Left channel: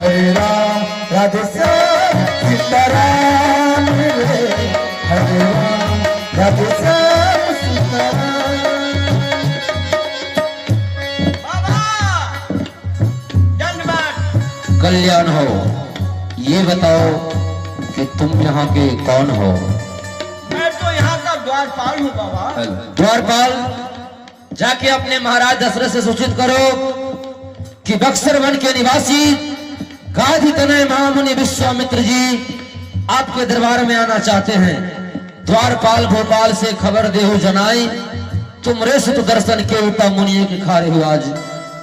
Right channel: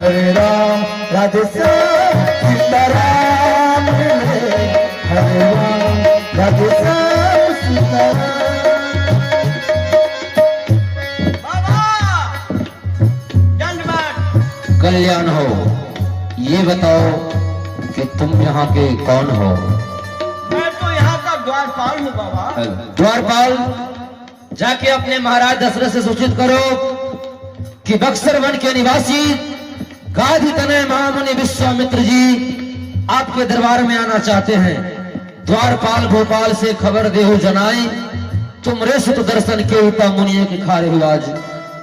हरे राम राधे श्याम सीताराम हरे राम राधे श्याम सीताराम। कल्याण हो। ये बताओ कि तुम यहाँ के कौन हो? मैं तो यहाँ का द्वारपाल हूँ बाबा। द्वारपाल, जाके अपने महाराज दशरथ से सूचित करो कि बक्सर वन के निवासी गाधी तनय महामुनि विश्वामित्र जी आपके दरबार में आना चाहते हैं। द्वारपाल भोपाल से खबर देहु जनाई, तुम रेसुत दर्शन के उता मुनियों के खारे हो। आज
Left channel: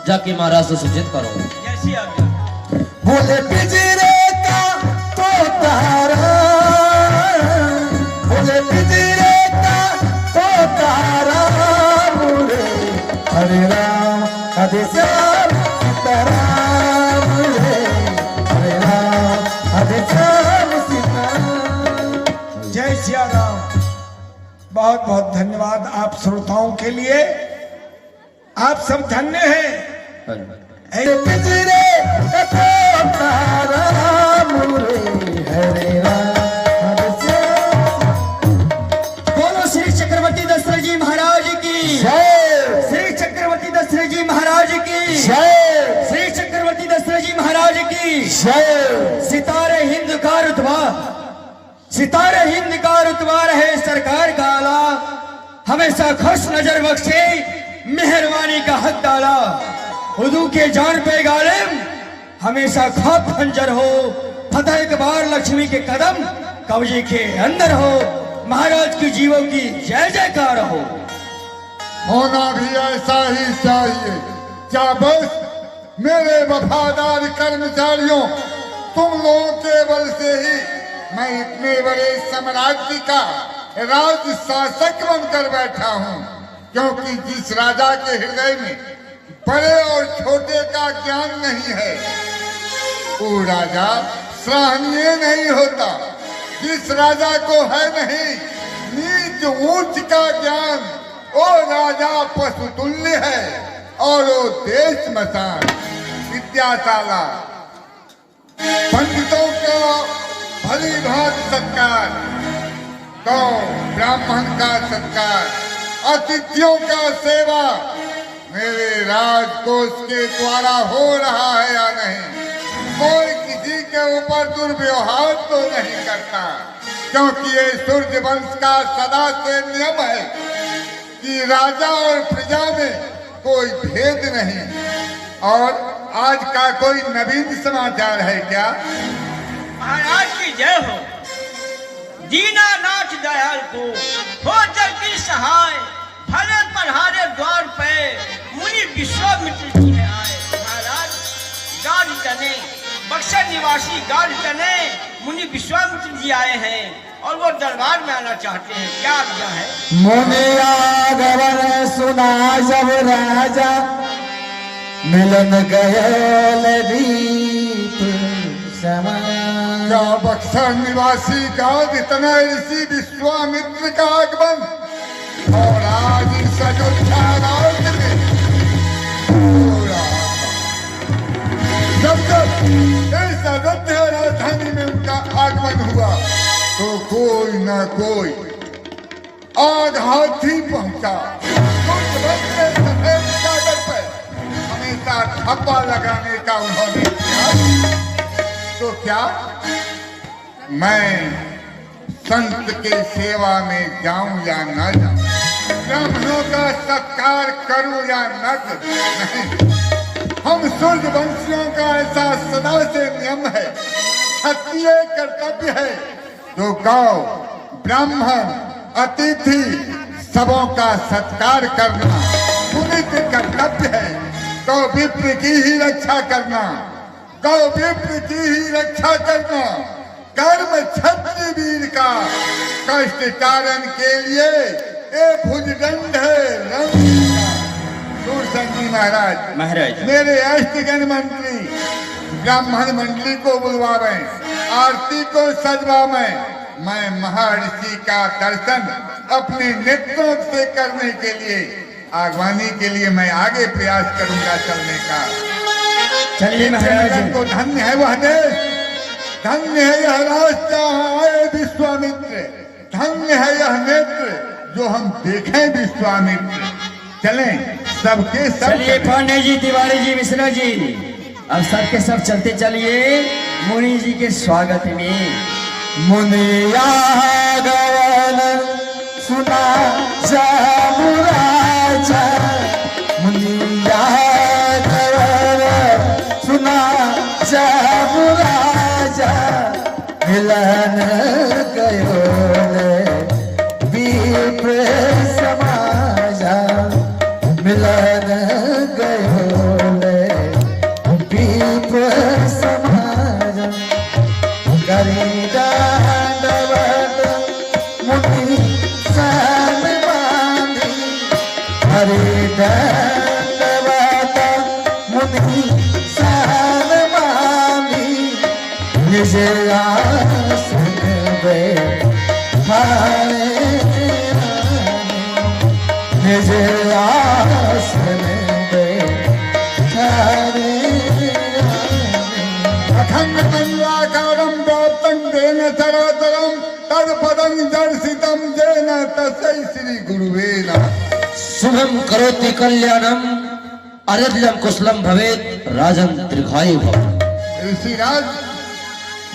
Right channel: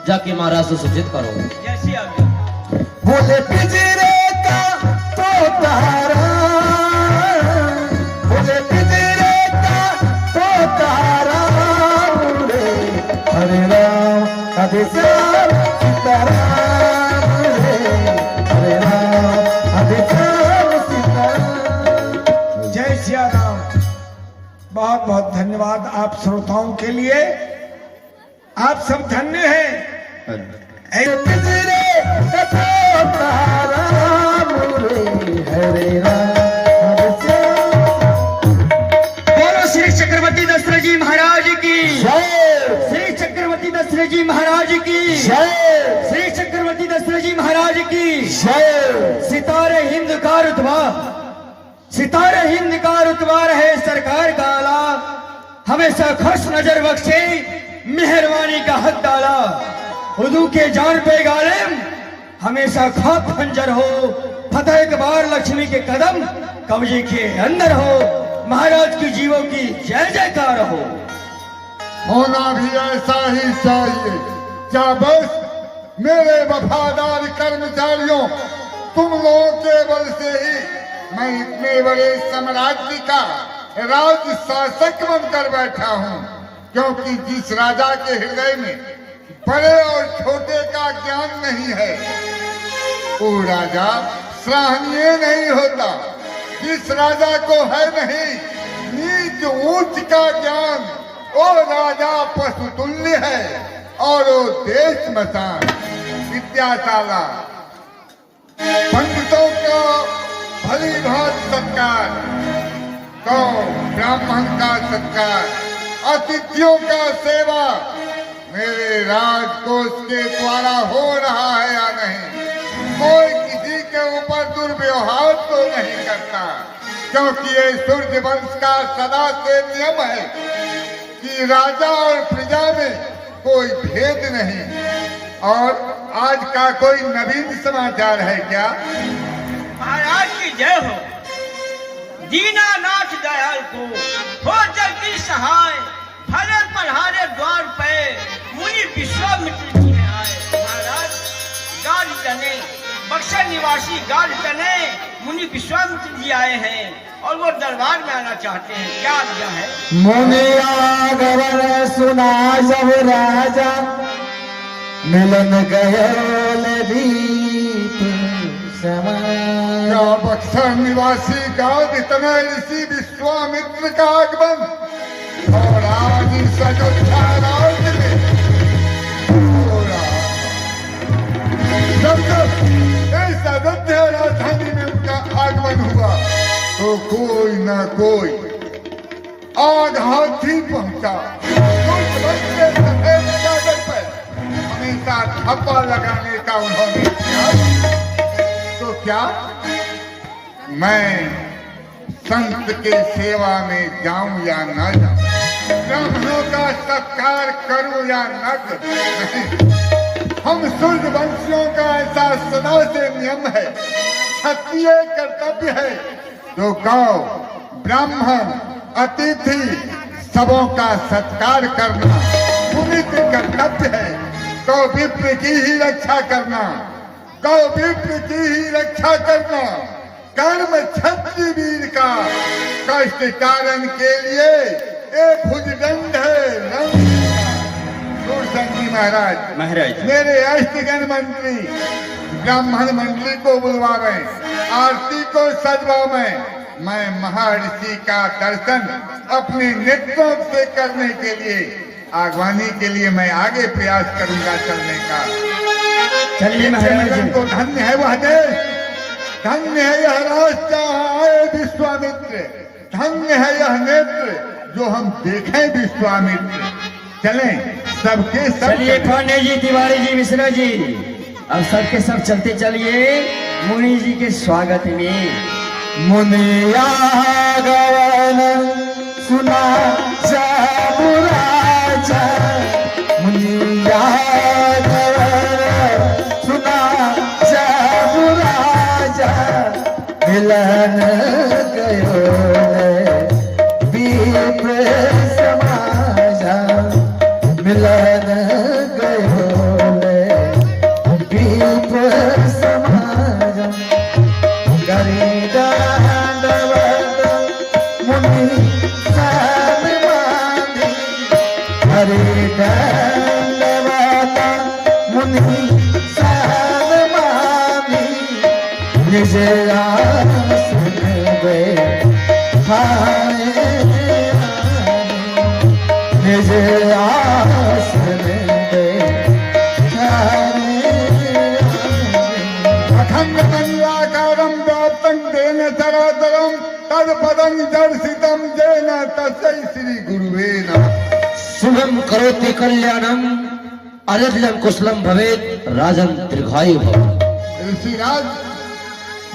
जाके महाराज से सूचित करो। कैसी आज्ञा? बोले पिंजरे का तो तारा, बोले पिंजरे का तो तारा, हरे राम राधे श्याम सीताराम, हरे राम राधे श्याम सीताराम। जय सिया राम। बहुत बहुत धन्यवाद आप श्रोताओं के लिए। आप सब धन्य हैं। पिंजरे का तो तारा, हरे राम राधे श्याम। बोलो श्री चक्रवर्ती दशरथ जी महाराज की जय, श्री चक्रवर्ती दशरथ जी महाराज की जय, श्री चक्रवर्ती दशरथ जी महाराज की जय। सितारे हिंद का रुतबा, सितारे हिंद का रुतबा रहे सरकार का आला, हमेशा खुश नजर बख्शे मेहरबानी का हक डाला। हुजूर के जान पे गालिब हमेशा खाप खंजर हो, फतेह के बार लक्ष्मी के कदम कब्जे के अंदर हो। महाराज की जीवों की जय जयकार हो। होना भी ऐसा ही चाहिए। क्या बस मेरे वफादार कर्मचारियों, तुम लोगों के बल से ही मैं इतने बड़े साम्राज्य का राज शासक बनकर बैठा हूँ। क्योंकि जिस राजा के हृदय में बड़े और छोटे का ज्ञान नहीं है, वो राजा सराहनीय नहीं होता। जिस राजा को है नहीं नीच ऊंच का ज्ञान, वो राजा पशुतुल्य है और वो देश मसान विद्याशाला। पंडितों का भली भांति सत्कार, तो ब्राह्मण का सत्कार, अतिथियों का सेवा मेरे राजकोष के द्वारा हो रहा है या नहीं। कोई किसी के ऊपर दुर्व्यवहार तो नहीं करता, क्योंकि ये सूर्य वंश का सदा से नियम है कि राजा और प्रजा में कोई भेद नहीं। और आज का कोई नवीन समाचार है क्या? महाराज की जय हो। दीनानाथ दयाल को हो जगदीश सहाय, भले पधारे द्वार पे मुनि विश्वामित्र जी में आए। महाराज गाढ़ तने बक्सर निवासी गाढ़ तने मुनि विश्वामित्र जी आए हैं और वो दरबार में आना चाहते हैं। क्या आज्ञा है? मुनि आगमन सुना जब राजा, मिलन गए दीप समान। क्या बक्सर निवासी गाँव इतने ऋषि विश्वामित्र का आगमन और आज इस अयोध्या राज्य में हो रहा। जब तक इस अयोध्या राजधानी में उनका आगमन हुआ तो कोई न कोई आग हाथी पहुंचा। कुछ बच्चे सफेद चादर पर हमेशा थप्पा लगाने का उन्होंने किया। तो क्या मैं संत के सेवा में जाऊं या न जाऊं, ब्राह्मणों का सत्कार करूं या न करूं, नहीं। हम सूर्य वंशियों का ऐसा सदा से नियम है, क्षत्रिय कर्तव्य है। तो गौ, ब्राह्मण, अतिथि सबों का सत्कार करना पुनित कर्तव्य है। गौ विप्र की ही रक्षा करना, गौ विप्र की ही रक्षा करना कर्म क्षत्रिय वीर का। कष्ट कारण के लिए एक भुजदंड है। दूरसन जी महाराज मेरे अष्टगण मंत्री ब्राह्मण मंडली को बुलवावे, आरती को सजवावे। मैं महर्षि का दर्शन अपने नेत्रों से करने के लिए, आगवानी के लिए मैं आगे प्रयास करूंगा चलने का। चलिए महाराज जगत को धन्य है वह देश, धन्य है यह रास्ता आए विश्वामित्र, धन्य है यह नेत्र जो हम देखें विश्वामित्र। चलें सबके सब चलिए पांडे जी, तिवारी जी, मिश्रा जी, अब सबके सब चलते चलिए मुनि जी के स्वागत में। मुनिया गवन सुना जाबु राजा, मुनिया गवन सुना जाबु राजा, मिलन गयो विप्र समाजा, मिलन गयो विप्र समाजा, हरे दंडवत मुनि सर्वमानि, निज आसन बैठाए निज आसन बैठाए। अखंड मंडलाकारं व्याप्तं येन चराचरं तत्पदं दर्शितं येन तस्मै श्री गुरुवे नमः। शुभम करोति कल्याणम, आरोग्यम कुशलम भवेत, राजन दीर्घायु भव। ऋषिराज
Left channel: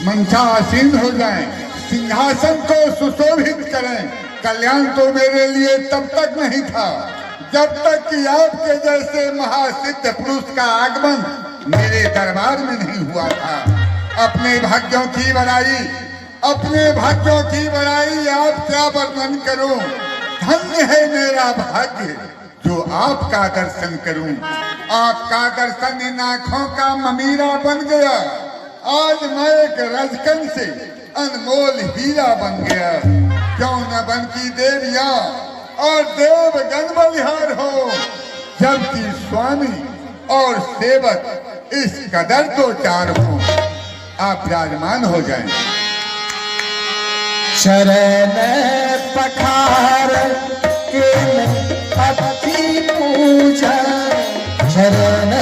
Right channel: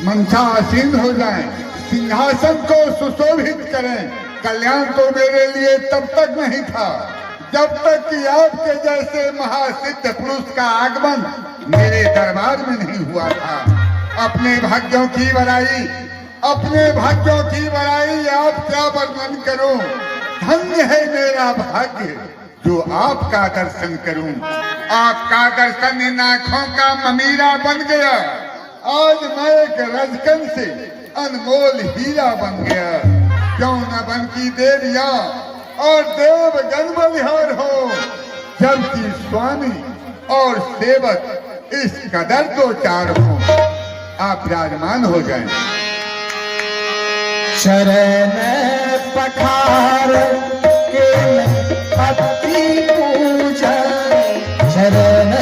मंचासीन हो जाएं, सिंहासन को सुशोभित करें। कल्याण तो मेरे लिए तब तक नहीं था जब तक कि आपके जैसे महासिद्ध पुरुष का आगमन मेरे दरबार में नहीं हुआ था। अपने भाग्यों की बड़ाई, अपने भाग्यों की बड़ाई आप क्या वर्णन करूं। धन्य है मेरा भाग्य जो आपका दर्शन करूं। आपका दर्शन इन आंखों का ममीरा बन गया। आज मैं एक रजकन से अनमोल हीरा बन गया। क्यों न बनती देविया और देवगण बलिहार हो, जबकि स्वामी और सेवक इस कदर दो चार हो। आप विराजमान हो जाएं। शरण पखार के पति पूजा, शरण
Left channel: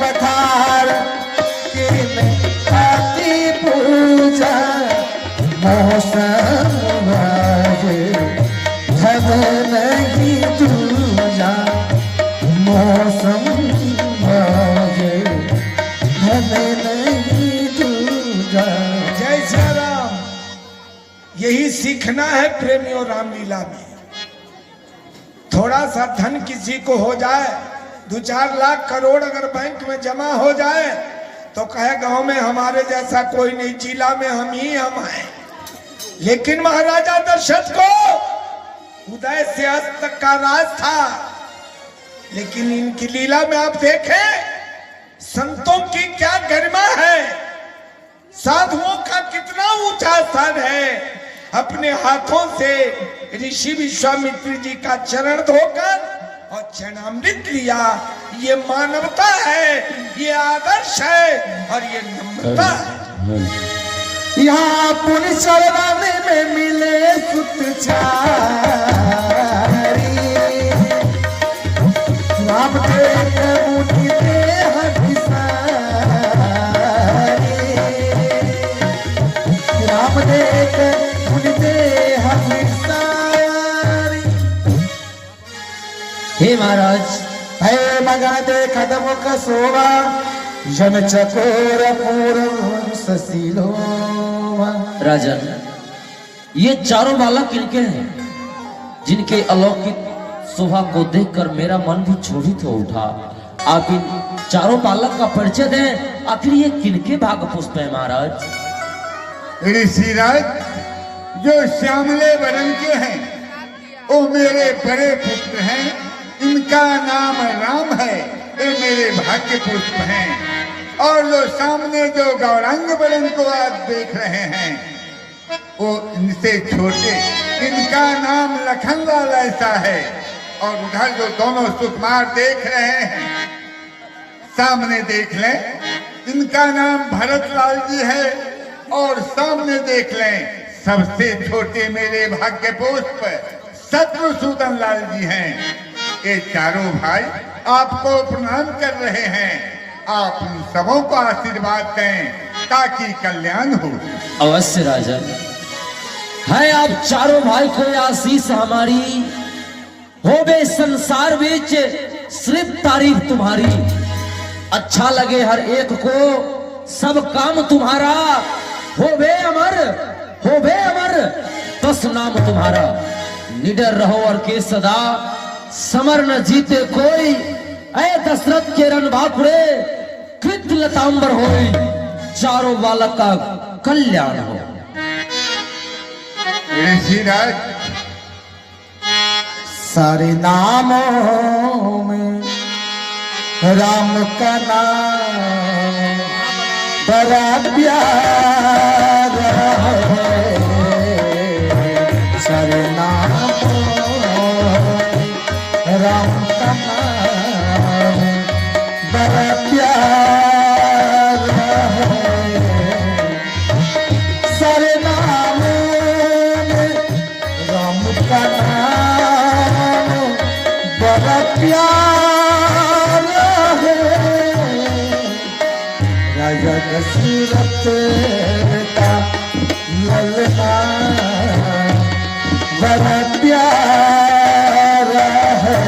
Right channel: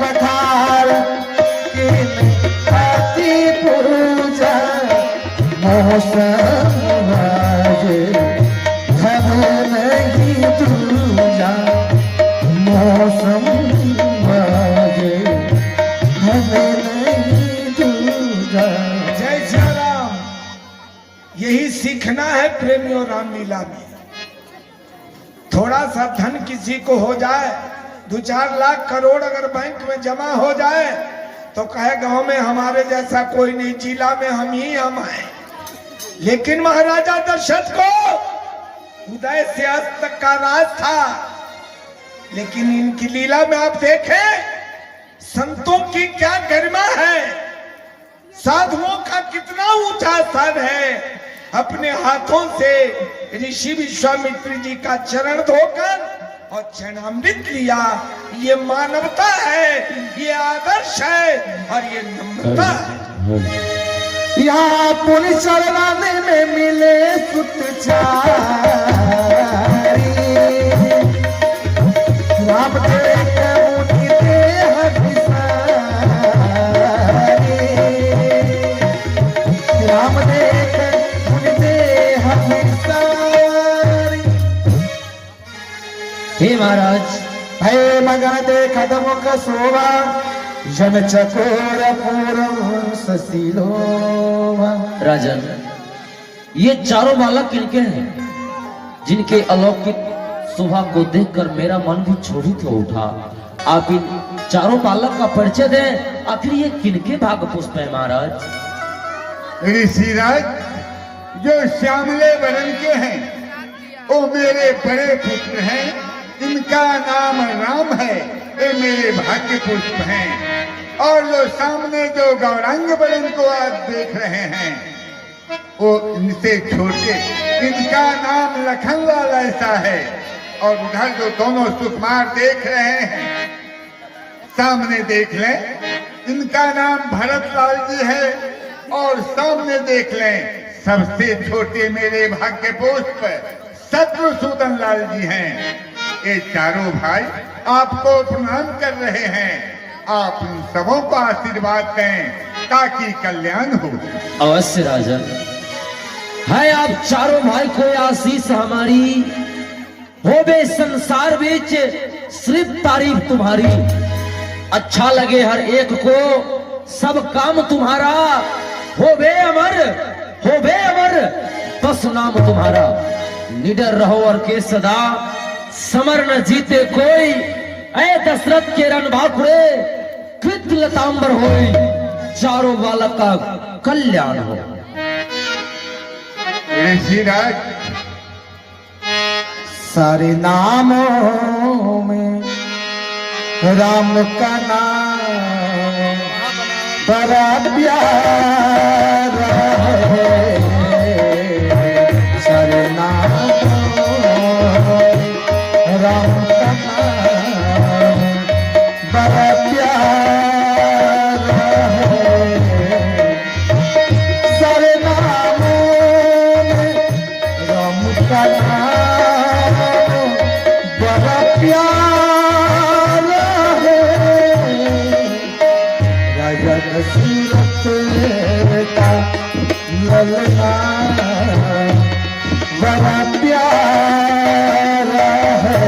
पखार के पति पूजा, मौसम बाजे धब नहीं दूजा, मौसम बाजे धब नहीं दूजा। जय श्री राम। यही सीखना है प्रेमियों रामलीला में। थोड़ा सा धन किसी को हो जाए, 2-4 लाख करोड़ अगर बैंक में जमा हो जाए तो कहे गांव में हमारे जैसा कोई नहीं, जिला में हम हैं। लेकिन महाराजा दशरथ को उदय से अस्त तक का राज था। लेकिन इनकी लीला में आप देखें संतों की क्या गरिमा है, साधुओं का कितना ऊंचा स्थान है। अपने हाथों से ऋषि विश्वामित्र जी का चरण धोकर और चरणामृत लिया। ये मानवता है, ये आदर्श है और ये नम्रता है। यहाँ पुण्य चरण में मिले सुतचारी, राम तेरे प्रभु की देह विसारी, राम तेरे देह विसारी। हे महाराज, हे मगा दे कदम का सोवा, जन चकोर पूर्व ससीलो। राजन, ये चारों बालक किनके हैं जिनके अलौकिक शोभा को देखकर मेरा मन भी क्षोभित हो उठा। आप इन चारों बालक का परिचय दें, आखिर ये किनके भाग पुष्प है महाराज? ऋषिराज, जो श्यामले वर्ण के हैं वो मेरे बड़े पुत्र हैं। इनका नाम राम है, ये मेरे भाग्य पुष्प हैं। और जो सामने जो गौरांग वर्ण को आप देख रहे हैं वो इनसे छोटे, इनका नाम लखनलाल ऐसा है। और उधर जो दोनों सुकुमार देख रहे हैं सामने देख लें, इनका नाम भरतलाल जी है। और सामने देख लें सबसे छोटे मेरे भाग्य पुष्प शत्रुसूदन लाल जी हैं। ये चारों भाई आपको प्रणाम कर रहे हैं। आप उन सबों को आशीर्वाद दें ताकि कल्याण हो। अवश्य राजन, है आप चारों भाई को यह आशीष हमारी हो बे संसार बीच सिर्फ तारीफ तुम्हारी। अच्छा लगे हर एक को सब काम तुम्हारा, हो बे अमर बस नाम तुम्हारा। निडर रहो और के सदा समर न जीते कोई, ऐ दशरथ के रन बापुरे कृत लतांबर होई, चारों बालक का कल्याण हो। ऋषिराज, सारे नामों में राम का नाम बड़ा प्यारा है। सारे नामों में राम का नाम बड़ा प्यारा है। सारे नामों में राम का नाम बड़ा प्यारा है। राजा दशरथ का ललना बड़ा प्यारा है।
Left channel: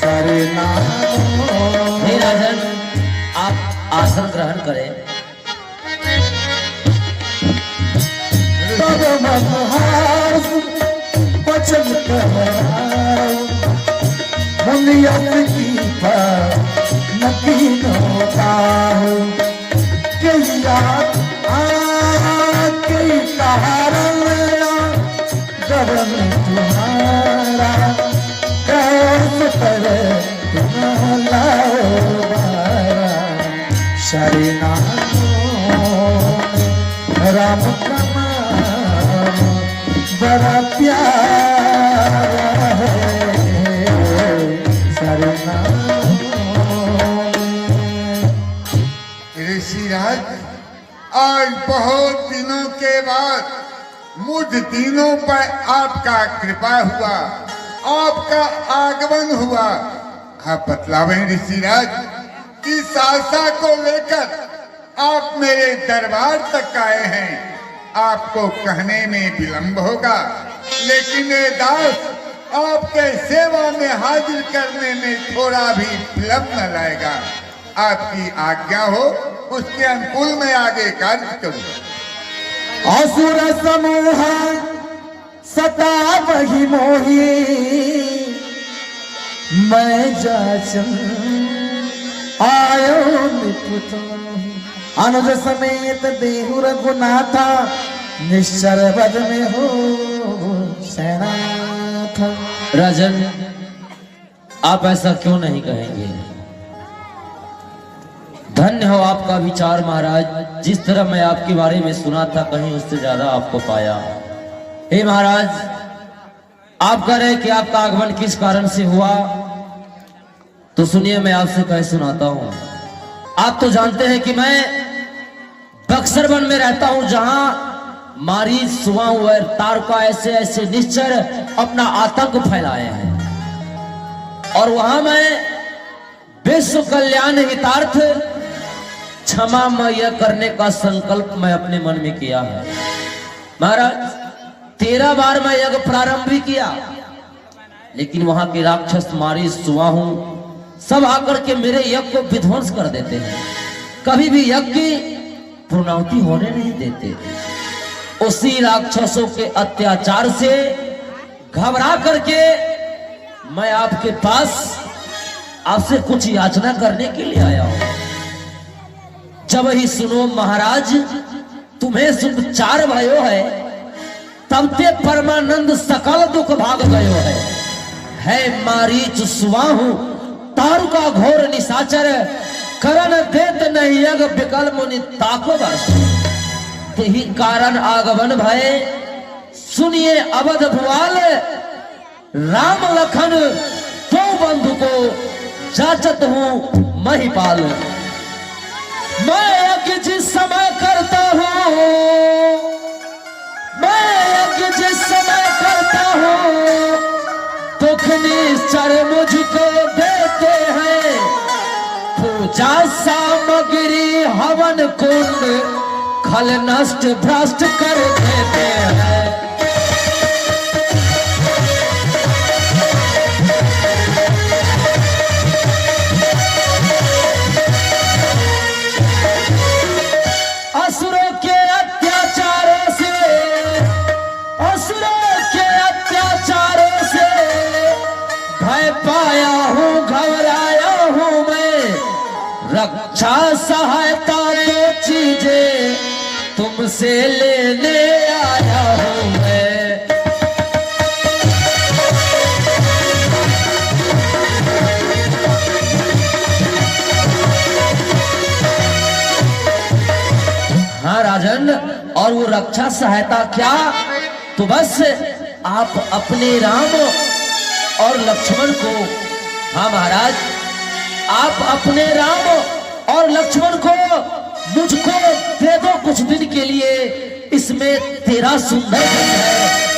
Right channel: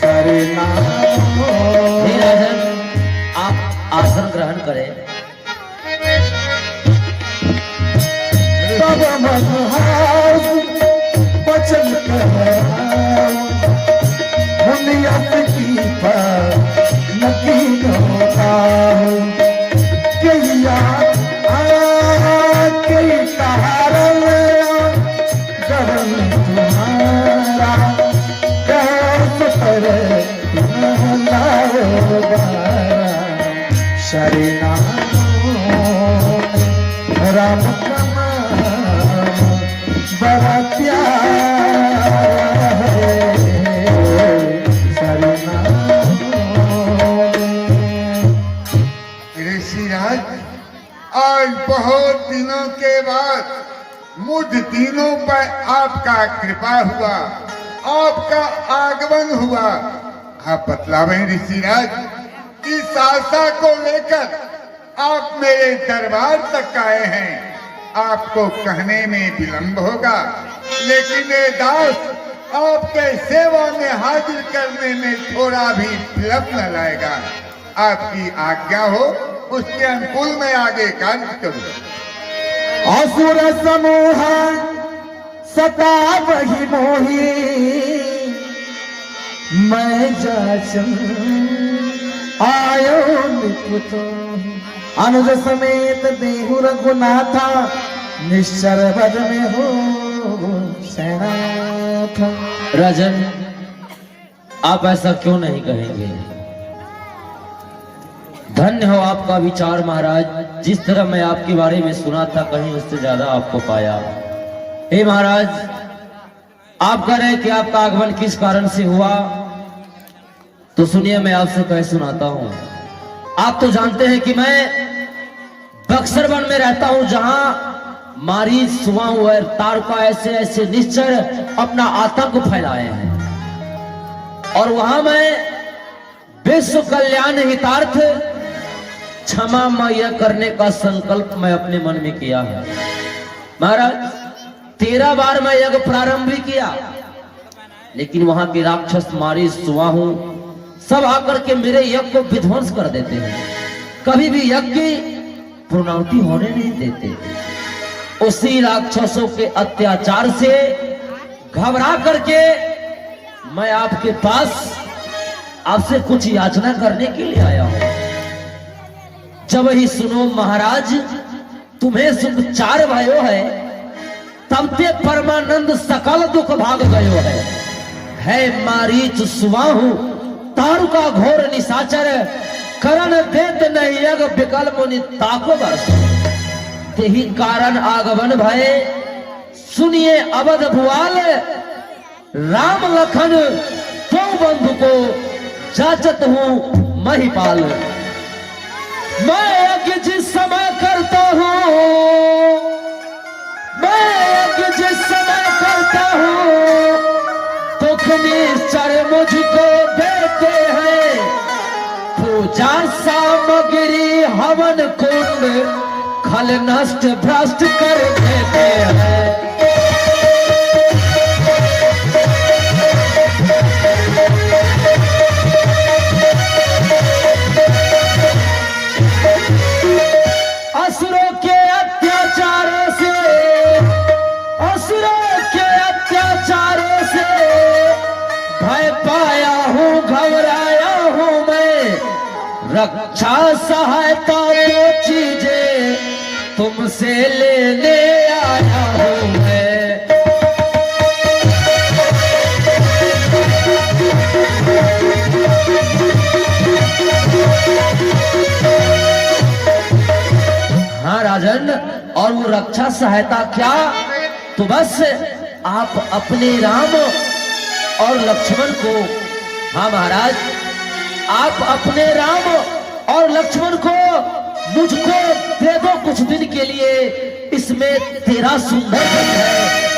सारे नामों हे राजन, आप आसन ग्रहण करें। तब मनहास वचन कहा, दुनियत की नकीनों का किया के कारण गगन तुम्हारा कैसे करे शरीना राम का नाम बड़ा प्यारा है। शरीना ऋषिराज, आज बहुत दिनों के बाद मुझ तीनों पर आपका कृपा हुआ, आपका आगमन हुआ। आप बतलावें ऋषिराज, इस आशा को लेकर आप मेरे दरबार तक आए हैं। आपको कहने में विलंब होगा, लेकिन मेरे दास आपके सेवा में हाजिर करने में थोड़ा भी विलंब न लाएगा। आपकी आज्ञा हो, उसके अनुकूल मैं आगे कार्य करूँ। असुर समूह सता वही मोही, मैं जाचन आयो निपुतो। अनुज समेत देहु रघुनाथा, निश्चर बद में हो सैनाथ। राजन, आप ऐसा क्यों नहीं कहेंगे? धन्य हो आपका विचार महाराज। जिस तरह मैं आपके बारे में सुना था, कहीं उससे ज्यादा आपको पाया। हे महाराज, आप कह रहे कि आपका आगमन किस कारण से हुआ, तो सुनिए मैं आपसे कह सुनाता हूँ। आप तो जानते हैं कि मैं बक्सर वन में रहता हूँ, जहां मारीच, सुवाऊ और तारका ऐसे ऐसे निश्चर अपना आतंक फैलाए हैं, और वहां मैं विश्व कल्याण हितार्थ क्षमामय करने का संकल्प मैं अपने मन में किया है। महाराज, 13 बार मैं यज्ञ प्रारंभ भी किया, लेकिन वहां के राक्षस मारीच, सुवाहू सब आकर के मेरे यज्ञ को विध्वंस कर देते हैं। कभी भी यज्ञ की पूर्णाहुति होने नहीं देते। उसी राक्षसों के अत्याचार से घबरा करके मैं आपके पास आपसे कुछ याचना करने के लिए आया हूं। जब ही सुनो महाराज, तुम्हें शुद्ध 4 भयो है, तब ते परमानंद सकल दुख भाग गयो है मारीच, सुवाहू तारुका घोर निशाचर, करण देत नहीं यज्ञ विकल मुनि ताको बस। यही कारण आगमन भय, सुनिए अवध भुआल, राम लखन दो बंधु को जाचत हूँ महिपाल। मैं यज्ञ जिस समय करता हूँ, मैं यज्ञ जिस समय करता हूँ, दुख निश्चर मुझको देते हैं, खल नष्ट भ्रष्ट कर देते हैं। असुरों के अत्याचारों से, असुरों के अत्याचारों से भय पाया हूँ, घबराया हूँ मैं। रक्षा सहायता की चीजें तुमसे लेने आया हूँ मैं। हाँ राजन, और वो रक्षा सहायता क्या? तो बस आप अपने राम और लक्ष्मण को, हाँ महाराज, आप अपने राम और लक्ष्मण को मुझको दे दो कुछ दिन के लिए। इसमें तेरा सुंदर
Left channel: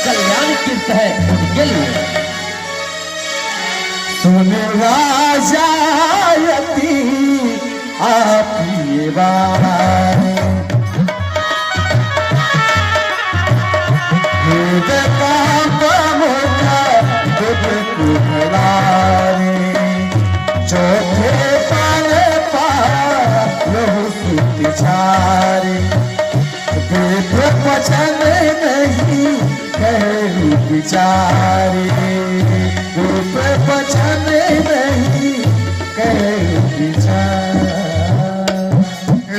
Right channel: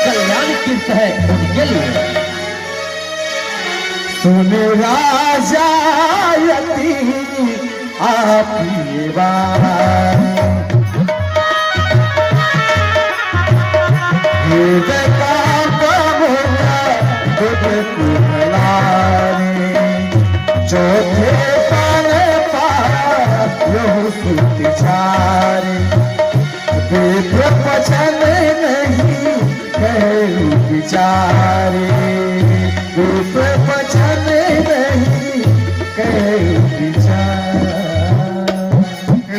कल्याण कृत है उनके लिए। सुन राजा यति आपकी बात, वेद का बमुना दुख की भलानी, चौथे पल पाया यह सुविचारी, देख वचन नहीं कहे विचारी, देख वचन नहीं कहे विचारी।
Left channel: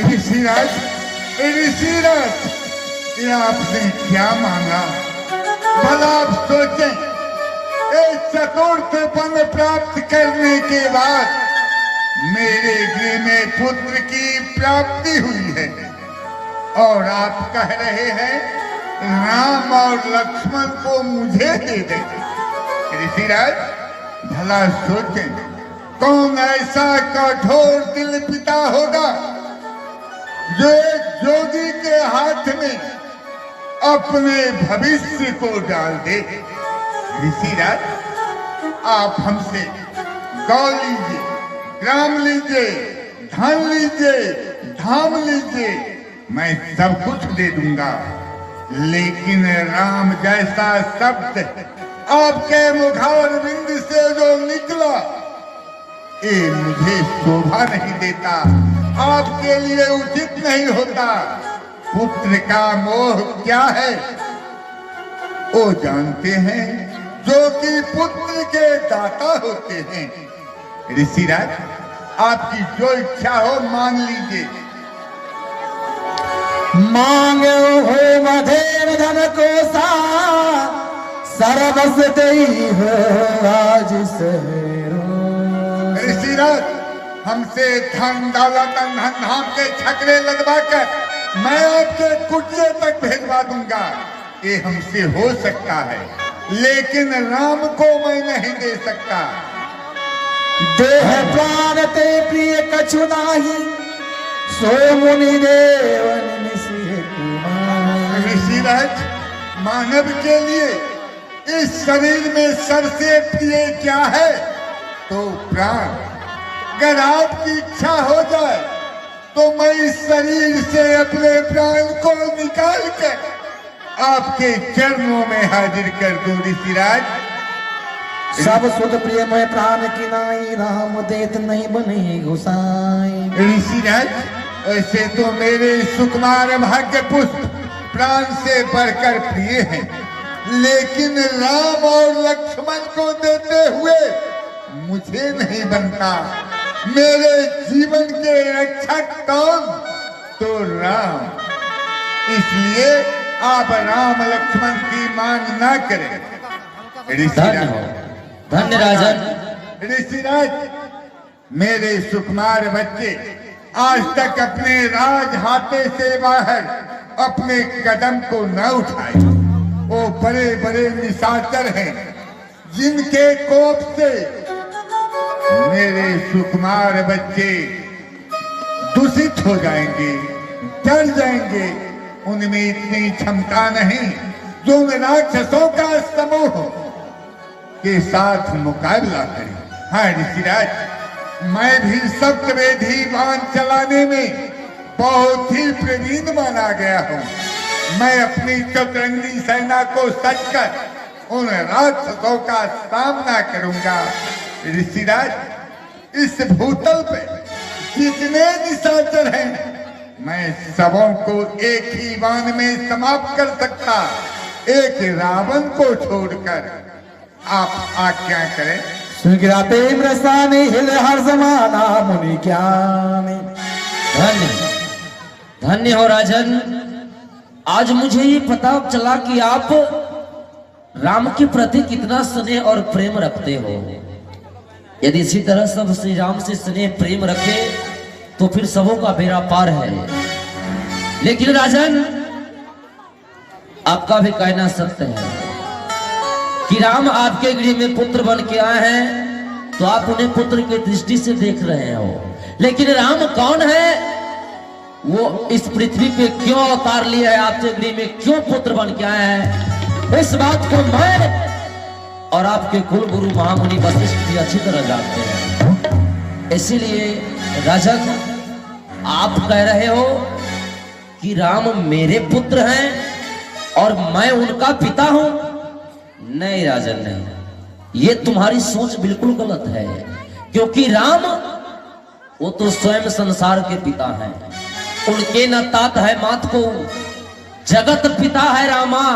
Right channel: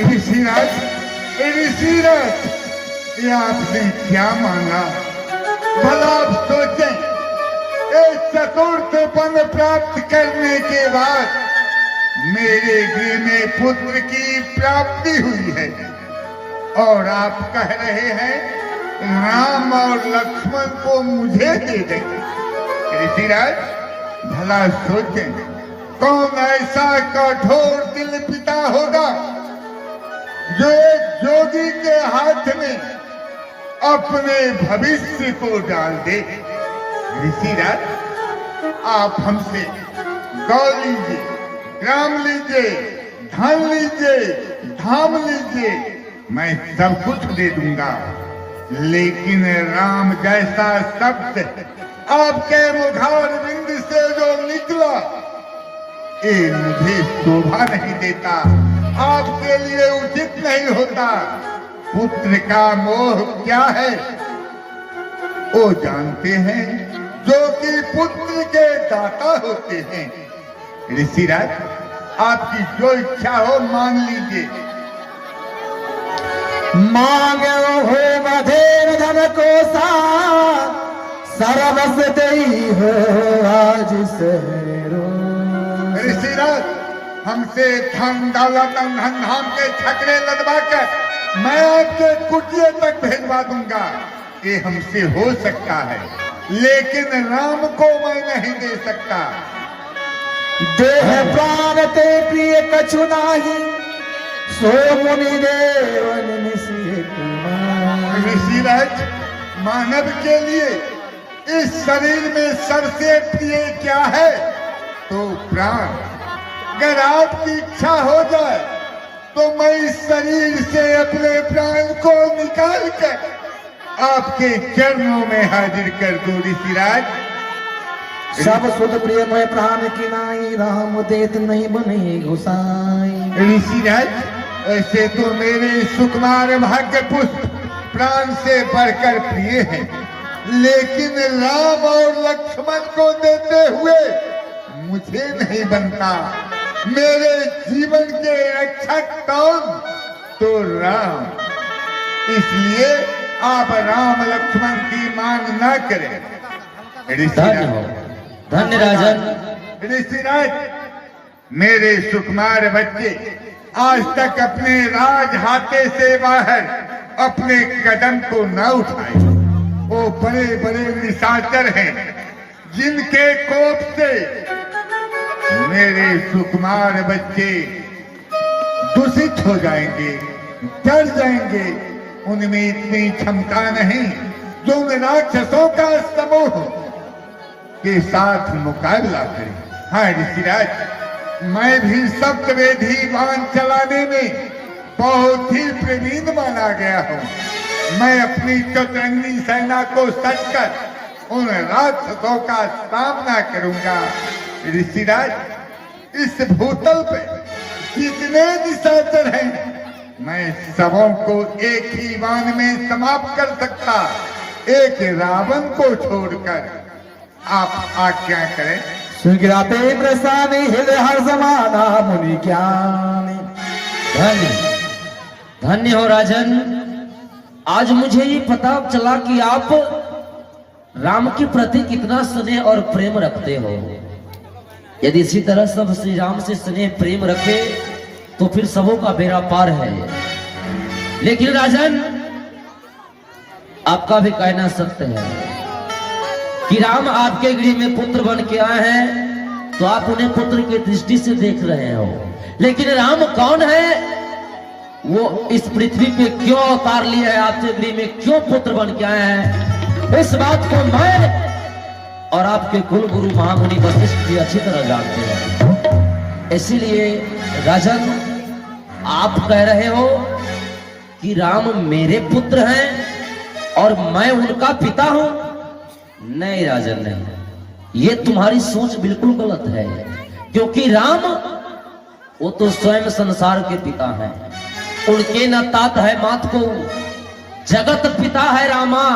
ऋषिराज, ऋषिराज, ये आपने क्या मांगा? भला आप सोचें, एक चतुर्थ वन प्राप्त करने के बाद मेरे गृह में पुत्र की प्राप्ति हुई है, और आप कह रहे हैं राम और लक्ष्मण को मुझे दे दें। ऋषिराज, भला सोचें, कौन ऐसा कठोर दिल पिता होगा जो एक जोगी के हाथ में अपने भविष्य को डाल दे। ऋषिराज, आप हमसे गौ लीजिए, ग्राम लीजिए, धन लीजिए, धाम लीजिए, मैं सब कुछ दे दूंगा, लेकिन राम जैसा शब्द आपके मुखार बिंद से जो निकला, ये मुझे शोभा नहीं देता, आपके लिए उचित नहीं होता। पुत्र का मोह क्या है वो जानते हैं, जो कि पुत्र के दाता होते हैं। ऋषिराज, आपकी जो इच्छा हो मान लीजिए। मांगे हो मधेर धन को सा, सर्वस देई हो आज सहरो। ऋषिराज, हमसे धन दौलत धन धाम के छकड़े लगवा कर मैं आपके कुटिया तक भेजवा दूंगा, ये हमसे हो सकता है, लेकिन राम को मैं नहीं दे सकता। देह प्राण ते प्रिय कछु नाही, सो मुनि देवन ऋषिराज, मानव के लिए इस शरीर में सबसे प्रिय क्या है? तो प्राण। अगर आपकी इच्छा हो जाए तो मैं इस शरीर से अपने प्राण को निकाल कर आपके चरणों में हाजिर कर दूं। ऋषिराज, सब सुख प्रिय मैं प्राण की नाई, राम देत नहीं बने गोसाई। ऋषिराज, वैसे तो मेरे सुकुमार भाग्य पुष्प प्राण से बढ़कर प्रिय हैं, लेकिन राम और लक्ष्मण को देते हुए मुझे नहीं बनता। मेरे जीवन के रक्षक कौन? तो राम। इसलिए आप राम लक्ष्मण की मांग न करें। ऋषिराज, धन्य राजन। ऋषिराज, मेरे सुकुमार बच्चे आज तक अपने राज हाथे से बाहर अपने कदम को न उठाए। वो बड़े बड़े निशाचर हैं, जिनके कोप से मेरे सुकुमार बच्चे दूषित हो जाएंगे, डर जाएंगे। उनमें इतनी क्षमता नहीं जो राक्षसों का समूह के साथ मुकाबला करे। हाँ ऋषिराज, मैं भी सप्तवेदी बाण चलाने में बहुत ही प्रवीण माना गया हूँ। मैं अपनी चतुरंगी सेना को सजकर उन राक्षसों का सामना करूंगा। ऋषिराज, इस भूतल पे जितने निशाचर हैं, मैं सबों को एक ही बाण में समाप्त कर सकता, एक रावण को छोड़कर। आप आज्ञा करें। सुगिराते प्रसानी हिल हर जमाना मुनि ज्ञानी। धन्य धन्य हो राजन। आज मुझे ये पता चला कि आप राम के प्रति कितना स्नेह और प्रेम रखते हो। यदि इसी तरह सब श्री राम से स्नेह प्रेम रखे तो फिर सबों का बेड़ा पार है। लेकिन राजन, आपका भी कहना सत्य है कि राम आपके गृह में पुत्र बन के आए हैं, तो आप उन्हें पुत्र की दृष्टि से देख रहे हो। लेकिन राम कौन है, वो इस पृथ्वी पे क्यों अवतार लिया है, आपके गृह में क्यों पुत्र बन के आए हैं, इस बात को मैं और आपके कुल गुरु महामुनि वशिष्ठ जी अच्छी तरह जानते हैं। इसीलिए राजन, आप कह रहे हो कि राम मेरे पुत्र हैं और मैं उनका पिता हूं। नहीं राजन, नहीं, ये तुम्हारी सोच बिल्कुल गलत है। क्योंकि राम वो तो स्वयं संसार के पिता हैं, उनके न तात है मात को, जगत पिता है रामा।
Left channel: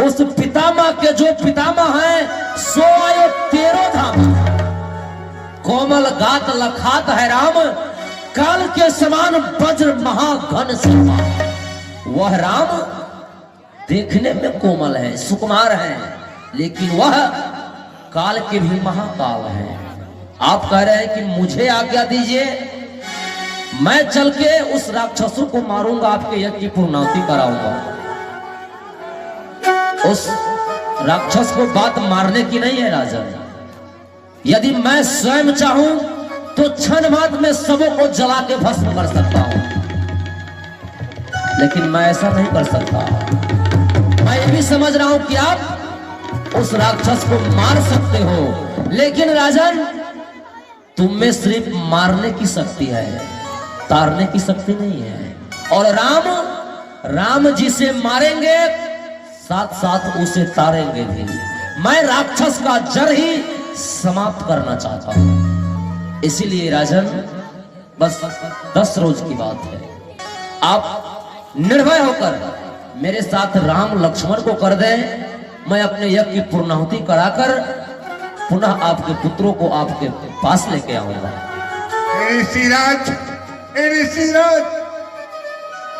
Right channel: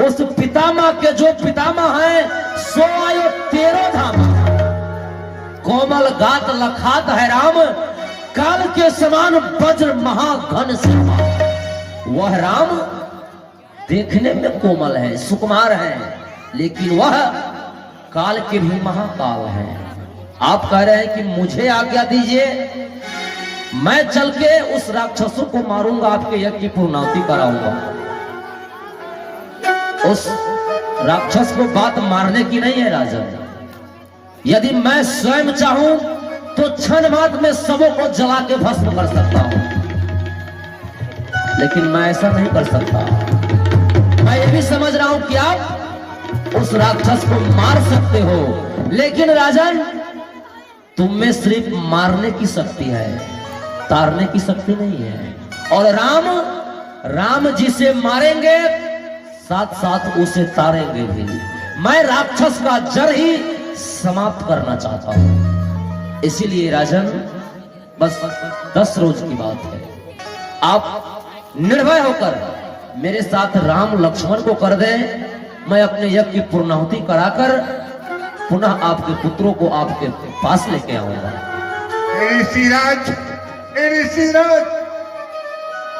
उस पितामह के जो पितामह है, सो आयो 13 धाम। कोमल गात लखात है राम, काल के समान वज्र महाघन श्यामा। वह राम देखने में कोमल है, सुकुमार है, लेकिन वह काल के भी महाकाल है। आप कह रहे हैं कि मुझे आज्ञा दीजिए, मैं चल के उस राक्षसों को मारूंगा, आपके यज्ञ की पूर्णाहुति कराऊंगा। उस राक्षस को बात मारने की नहीं है राजन। यदि मैं स्वयं चाहूं तो क्षण बाद में सबों को जला के भस्म कर सकता हूं, लेकिन मैं ऐसा नहीं कर सकता। मैं ये भी समझ रहा हूं कि आप उस राक्षस को मार सकते हो, लेकिन राजन, तुम में सिर्फ मारने की शक्ति है, तारने की शक्ति नहीं है। और राम जिसे मारेंगे साथ साथ उसे तारेंगे भी। मैं राक्षस का जड़ ही समाप्त करना चाहता हूं। इसीलिए राजन, बस 10 रोज की बात है, आप निर्भय होकर मेरे साथ राम लक्ष्मण को कर दें। मैं अपने यज्ञ की पूर्णाहुति कराकर पुनः आपके पुत्रों को आपके पास लेके आऊंगा। ऋषिराज,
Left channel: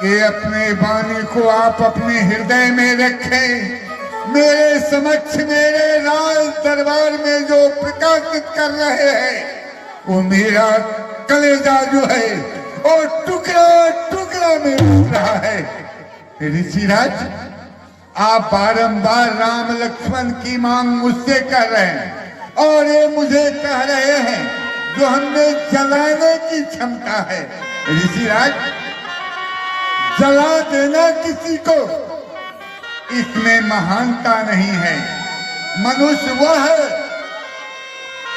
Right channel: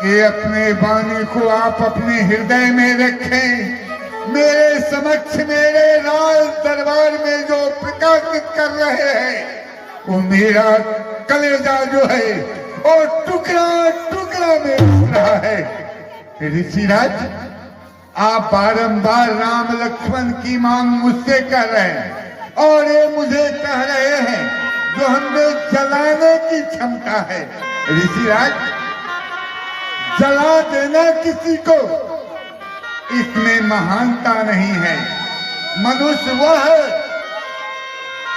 ये अपने वाणी को आप अपने हृदय में रखें। मेरे समक्ष मेरे राज दरबार में जो प्रकाशित कर रहे हैं, वो मेरा कलेजा जो है और टुकड़ा टुकड़ा में उठ रहा है। ऋषिराज, आप बारंबार राम लक्ष्मण की मांग मुझसे कर रहे हैं और ये मुझे कह रहे हैं जो हमें जलाने की क्षमता है। ऋषिराज, जला देना किसी को, इसमें महानता नहीं है। मनुष्य वह है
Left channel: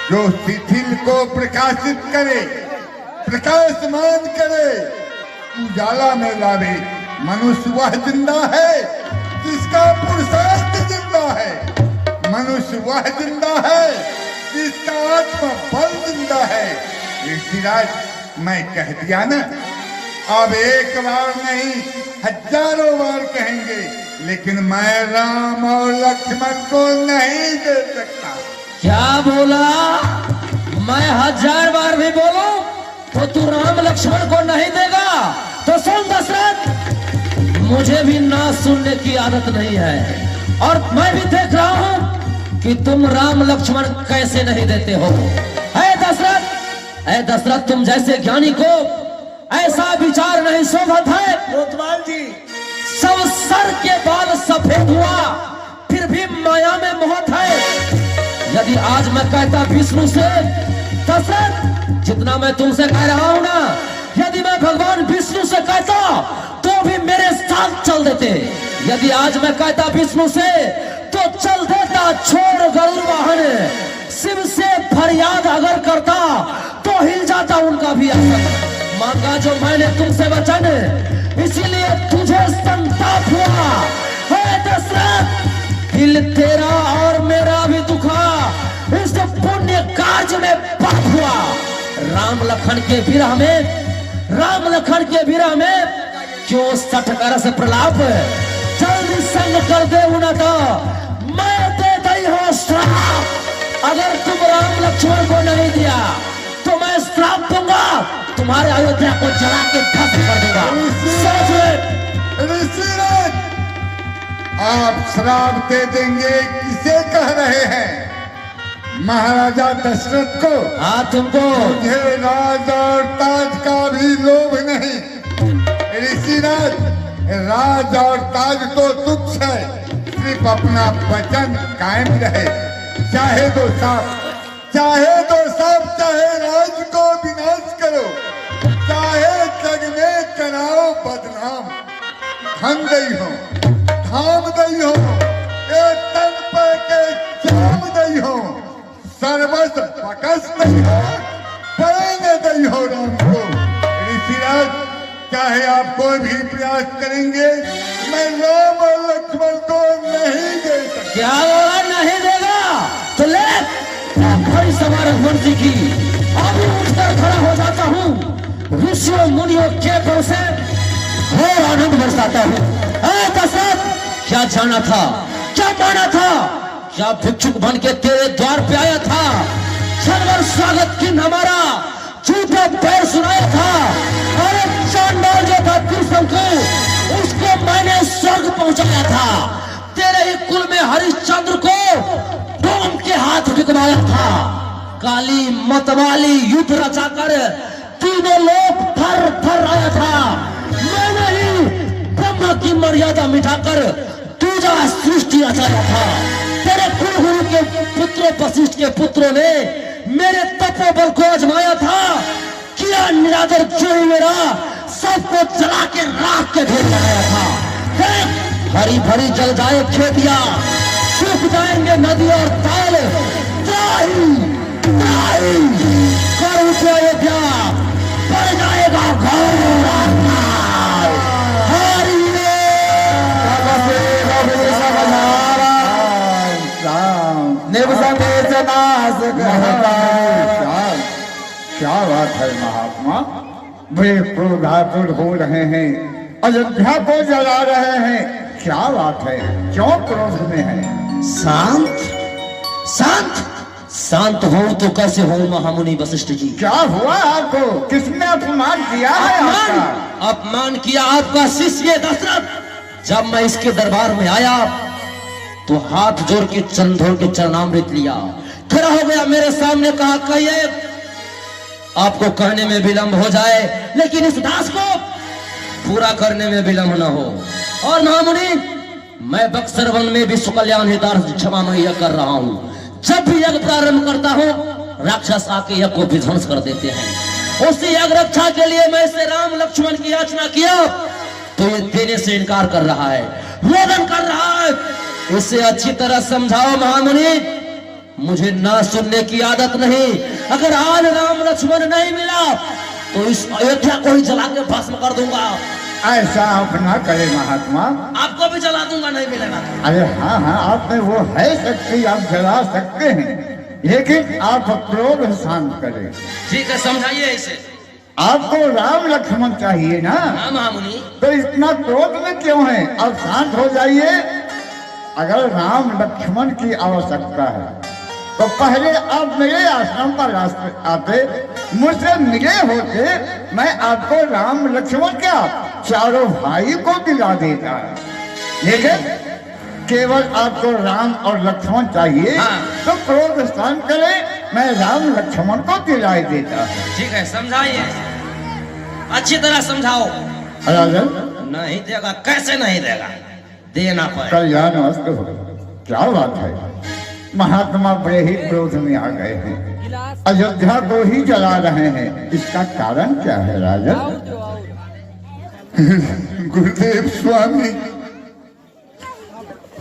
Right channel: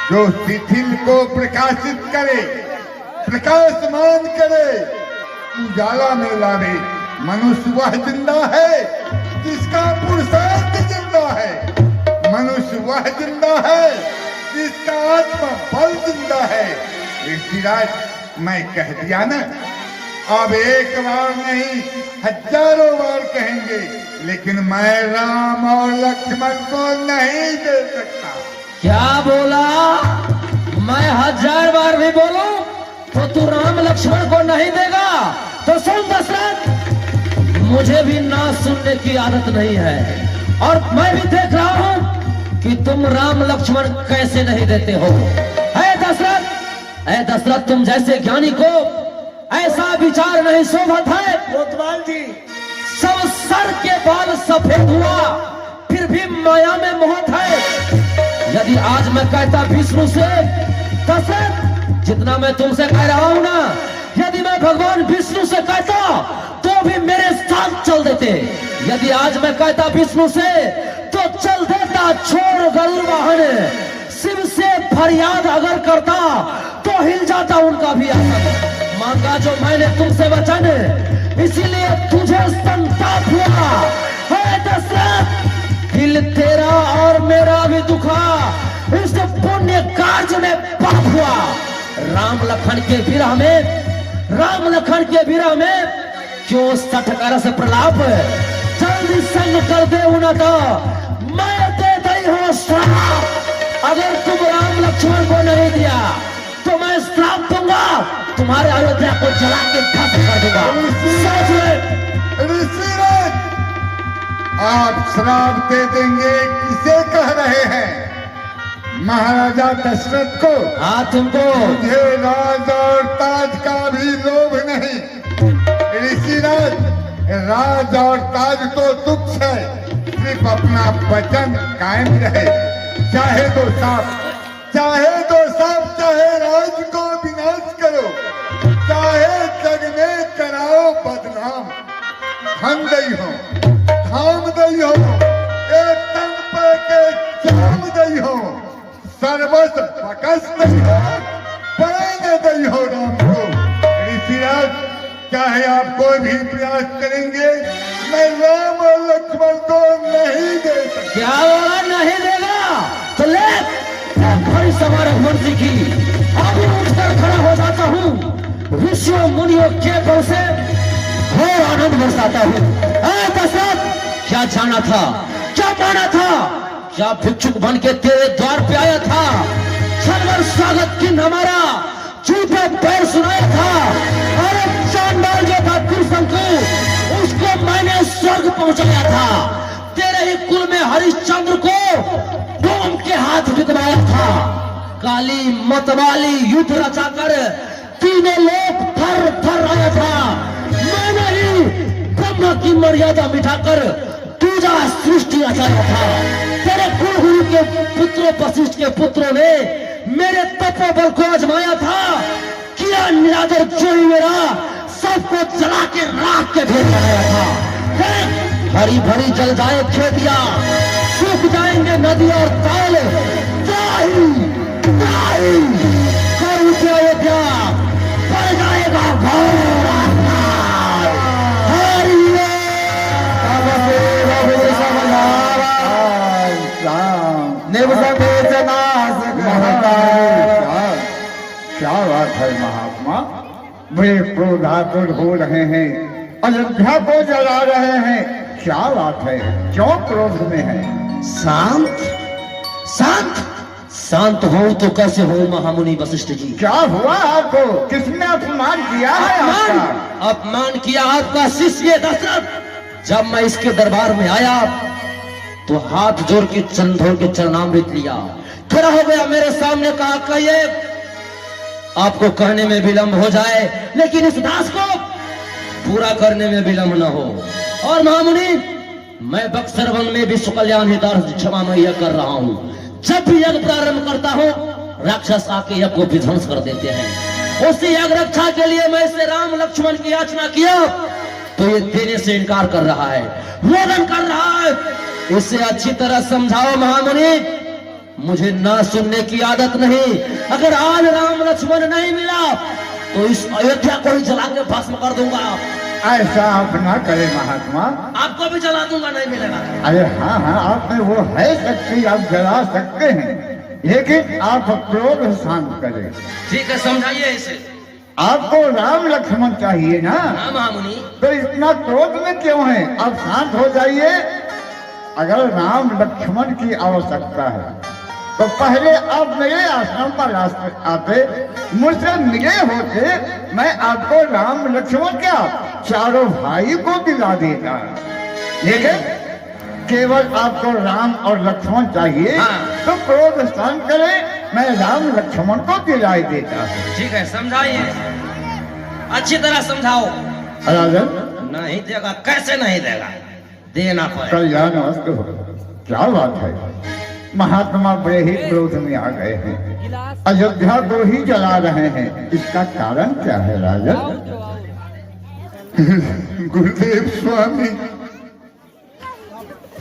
जो शिथिल को प्रकाशित करे, प्रकाशमान करे, उजाला में लावे। मनुष्य वह जिंदा है जिसका पुरुषार्थ जिंदा है। मनुष्य वह जिंदा है जिसका आत्मा बल जिंदा है। ऋषिराज, मैं कह दिया ना, अब एक बार नहीं 1000 बार कहेंगे, लेकिन मैं राम और लक्ष्मण को नहीं दे सकता। क्या बोला? मैं 1000 बार भी बोलूं तो तू राम लक्ष्मण को नहीं देगा? तो सुन दशरथ, मुझे भी ना सुनने की आदत नहीं है, और मैं भी देख रहा हूं कि तुम राम लक्ष्मण कैसे नहीं देते हो। दशरथ, तुम जैसे ज्ञानी को ऐसा विचार नहीं शोभत है। कोतवाल जी, सब सर के बाल सफेद हुआ फिर भी माया में मोहत है। यदि आज मैं कहता विष्णु से, दशरथ, जितना मैं तुमसे कह रहा हूं ना, यदि मैं भगवान विष्णु से कहता तो भी मेरे साथ चल देते। यदि आज मैं कहता विष्णु से तो चल देता, छोड़ गरुड़ वाहन। शिव से फरियाद अगर करता तो हिल जाता उनका भी आसन। मांगा जो मैंने तुमसे वचन, इसीलिए तुझे संताप हुआ है दशरथ। दिल तेरा और मेरा भी दुखा, इस पुण्य कार्य में पाप हुआ। राम लखन के विरह में, राम लखन के विरह में क्यों सठकर से प्रलाप, जल्दी संग कर दे उनका, मैं दे दई हो श्राप। अगर तुम राम लक्ष्मण को नहीं दिया तो मैं श्राप दूंगा, तुम्हारे अयोध्या को जला के ध्वस्त कर दूंगा। सोच ले। ऋषिराज, आप श्राप दे देंगे किसे कह रहे हैं? महाराजा दशरथ को? हाँ तुमको। मुझे राज और ताज का भी लोभ नहीं। ऋषिराज, राज और ताज तो तुच्छ है, सिर्फ अपना वचन कायम रहे। चाहे तो सांप, चाहे तो सांप, चाहे राज को विनाश करो, चाहे जग में कराओ बदनाम। धन दई हो, धाम दई हो, एक तन पर के जाम दई हो, सर्वस्व प्रकस्त दई हो, पढ़ने दई हो राम को। ऋषिराज, चाहे आप कोई भी प्रयास करेंगे, मैं राम और लक्ष्मण को नहीं दे सकता। क्या बोला नहीं देगा? तो ले भाई सवार मंत्री की, अभी उठकर खड़ा हो जाता हूँ, ऋषियों मुनियों के बल से घोर आनंद बरसाता हूँ। दशरथ, क्या जाना था, क्या माना था, क्या भिक्षुक बन के तेरे द्वार पे आया था, सर्वर स्वागत की हमारा झूठा पैर सुनाया था। अरे चांडाल जो था कृष्ण को, उसको मैंने स्वर्ग पहुंचाया था। तेरे ही कुल में हरिश्चंद्र को डोम के हाथ बिगड़ाया था। काली मतवाली युद्ध रचाकर तीनों लोग थर थर आया था। मैंने ही ब्रह्म की मर्यादा मिटाकर दूजा सृष्टि रचाया था। तेरे कुलगुरु के पुत्रों वशिष्ठ के पुत्रों ने मेरे तपोबल को आजमाया था। किया निरादर क्यों मेरा, सबको जला के राख के ढेर लगाया था। भरी भरी जल जाए खेतियां, सूख जाएंगे नदी और ताल, त्राही त्राही कर उठे अयोध्या, पड़ जाएगा घोर अंधकार। क्या बात है महात्मा, बड़े क्रोधातुर हो रहे हैं, अयोध्या को जला रहे हैं। क्या बात है, क्यों क्रोध में है? शांत शांत शांत हो तो कैसे हो महामुनि वशिष्ठ जी? क्या हुआ आपको? किसने अपमान किया है अपमान, आपका? अपमान किया आपका शिष्य दशरथ। जब मैं इसके दरबार में आया तो हाथ जोड़ के चरण धो के चरणामृत लिया, खड़ा हो गया मेरे सामने, कहा कहिए, आपको कहने में विलंब हो जाए लेकिन इस दास को पूरा करने में विलंब न हो। और महामुनि, मैं बक्सर वन में विश्व कल्याण हितार्थ क्षमा मैया कर रहा हूँ। जब भी यज्ञ प्रारंभ करता हूँ, राक्षस आके यज्ञ को विध्वंस कर देते हैं। उसी यज्ञ रक्षा के लिए मैं इसे राम लक्ष्मण की याचना किया तो ये देने से इनकार कर रहा है, रोदन कर रहा है। इसे अच्छी तरह समझाओ महामुनि, मुझे ना सुनने की आदत नहीं। अगर आज राम लक्ष्मण नहीं मिला तो इस अयोध्या को ही जला के भस्म कर दूंगा। ऐसा आप ना करें महात्मा। आपको भी जला दूंगा, नहीं मिलेगा। अरे हाँ हाँ, आप में वो है शक्ति, आप जला सकते हैं, लेकिन आप क्रोध शांत करें। ठीक है, समझाइए इसे। आपको राम लक्ष्मण चाहिए ना? हाँ महामुनि। तो इतना क्रोध में क्यों है? अब शांत हो जाइए। अगर राम लक्ष्मण की आवश्यकता है तो पहले आप मेरे आश्रम पर आते, मुझसे मिले होते, मैं आपको राम लक्ष्मण क्या चारों भाई को दिला देता। लेकिन केवल आपको राम और लक्ष्मण चाहिए। हाँ। तो क्रोध शांत करें, मैं राम लक्ष्मण को दिलाई देता हूँ। ठीक है, समझाइए, अच्छी तरह समझाओ। राजन, नहीं देगा, कैसे नहीं देगा, देना पाए। कल्याण मस्त हो। क्या बात है, महात्मा बड़े ही क्रोध में आ गए हैं, अयोध्या को ही जला रहे हैं। इसका कारण क्या है राजन? गुरुदेव स्वामी,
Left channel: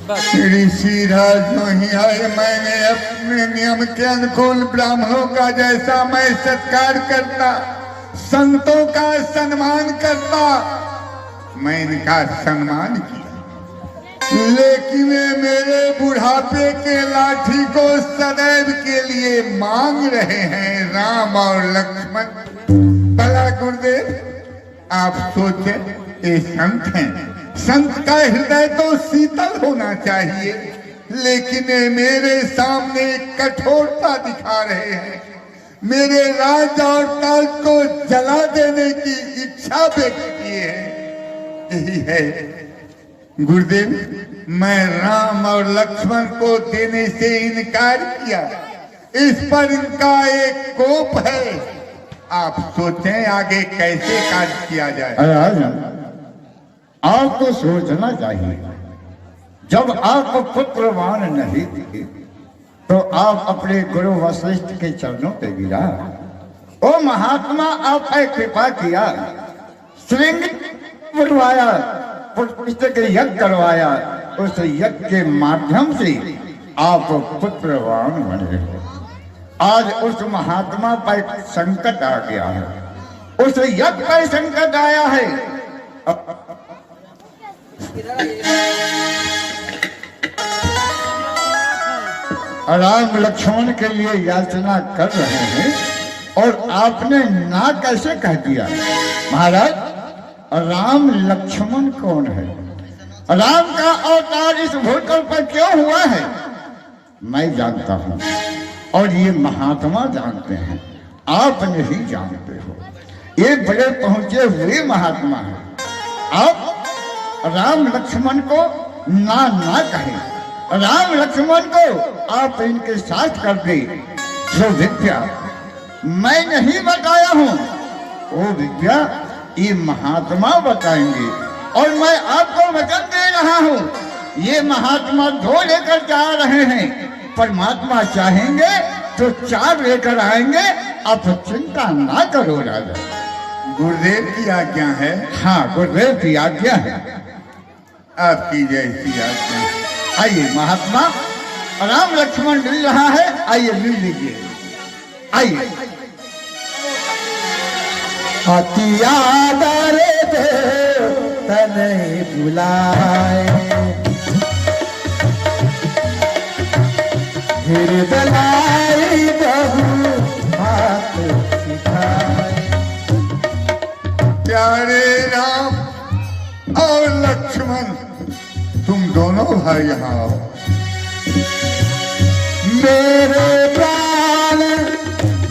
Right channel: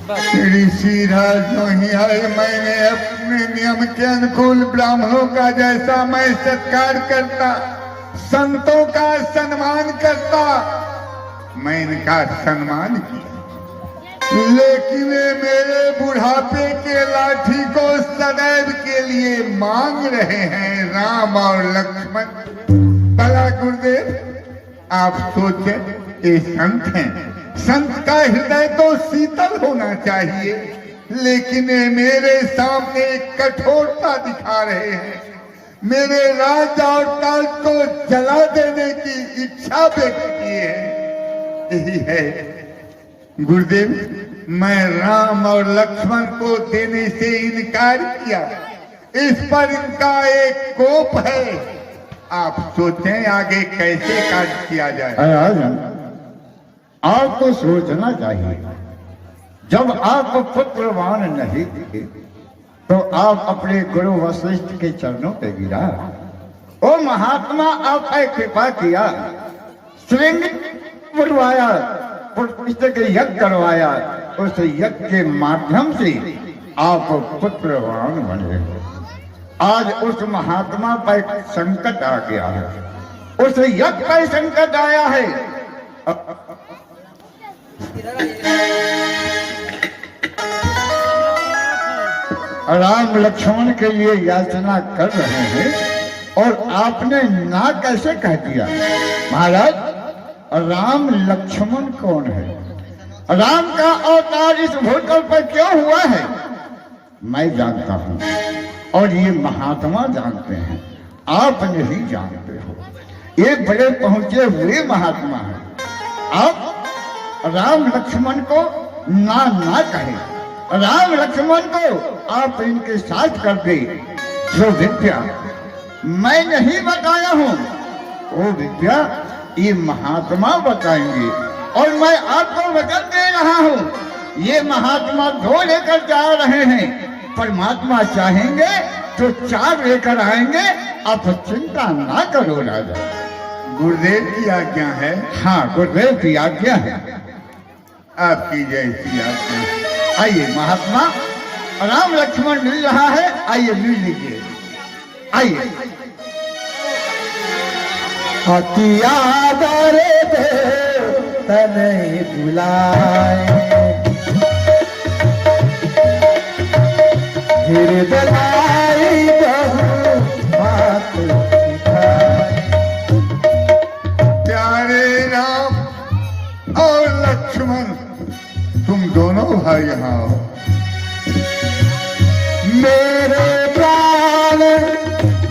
ऋषि राज नहीं आए, मैंने अपने नियम के अनुकूल ब्राह्मणों का जैसा मैं सत्कार करता संतों का सम्मान करता, मैं इनका सम्मान किया, लेकिन ये मेरे बुढ़ापे के लाठी को सदैव के लिए मांग रहे हैं राम और लक्ष्मण। भला गुरुदेव आप सोचे, ये संत हैं, संत का हृदय तो शीतल होना चाहिए, लेकिन ये मेरे सामने कठोरता दिखा रहे हैं, मेरे राज और ताज को जला देने की इच्छा व्यक्त किए हैं। यही है गुरुदेव, मैं राम और लक्ष्मण को देने से इनकार किया, इस पर इनका एक कोप है। आप सोचें आगे कैसे कार्य किया जाए। राजन, आपको सोचना चाहिए, जब आप पुत्रवान नहीं थे तो आप अपने गुरु वशिष्ठ के चरणों पे गिरा। ओ महात्मा, आप पे कृपा किया, श्रृंग बुलवाया, पुत्र के यज्ञ करवाया, उस यज्ञ के माध्यम से आप पुत्रवान बने। आज उस महात्मा पर संकट आ गया है, उस यज्ञ पर संकट आया है। राम लक्ष्मण के लिए याचना कर रहे हैं और आपने ना कैसे कह दिया? महाराज, राम लक्ष्मण कौन है? राम का अवतार इस भूतल पर क्यों हुआ है? मैं जानता हूं और ये महात्मा जानते हैं, आप नहीं जानते हो। ये बड़े पहुंचे हुए महात्मा है। आप राम लक्ष्मण को ना कहें, राम लक्ष्मण को आप इनके साथ कर दे। जो विद्या मैं नहीं बताया हूं, वो विद्या ये महात्मा बताएंगे और मैं आपको वचन दे रहा हूं। ये महात्मा 2 लेकर जा रहे हैं, परमात्मा चाहेंगे तो 4 लेकर आएंगे। आप चिंता ना करो राजा। गुरुदेव की आज्ञा है। हाँ, गुरुदेव की आज्ञा है। आपकी जैसी आज्ञा। आइए महात्मा, राम लक्ष्मण मिल रहा है, आइए मिल लीजिए, आइए। हथियार दे तने बुलाए, हृदय बात सिखाए। प्यारे राम और लक्ष्मण, तुम दोनों भाई यहाँ आओ। मेरे प्राण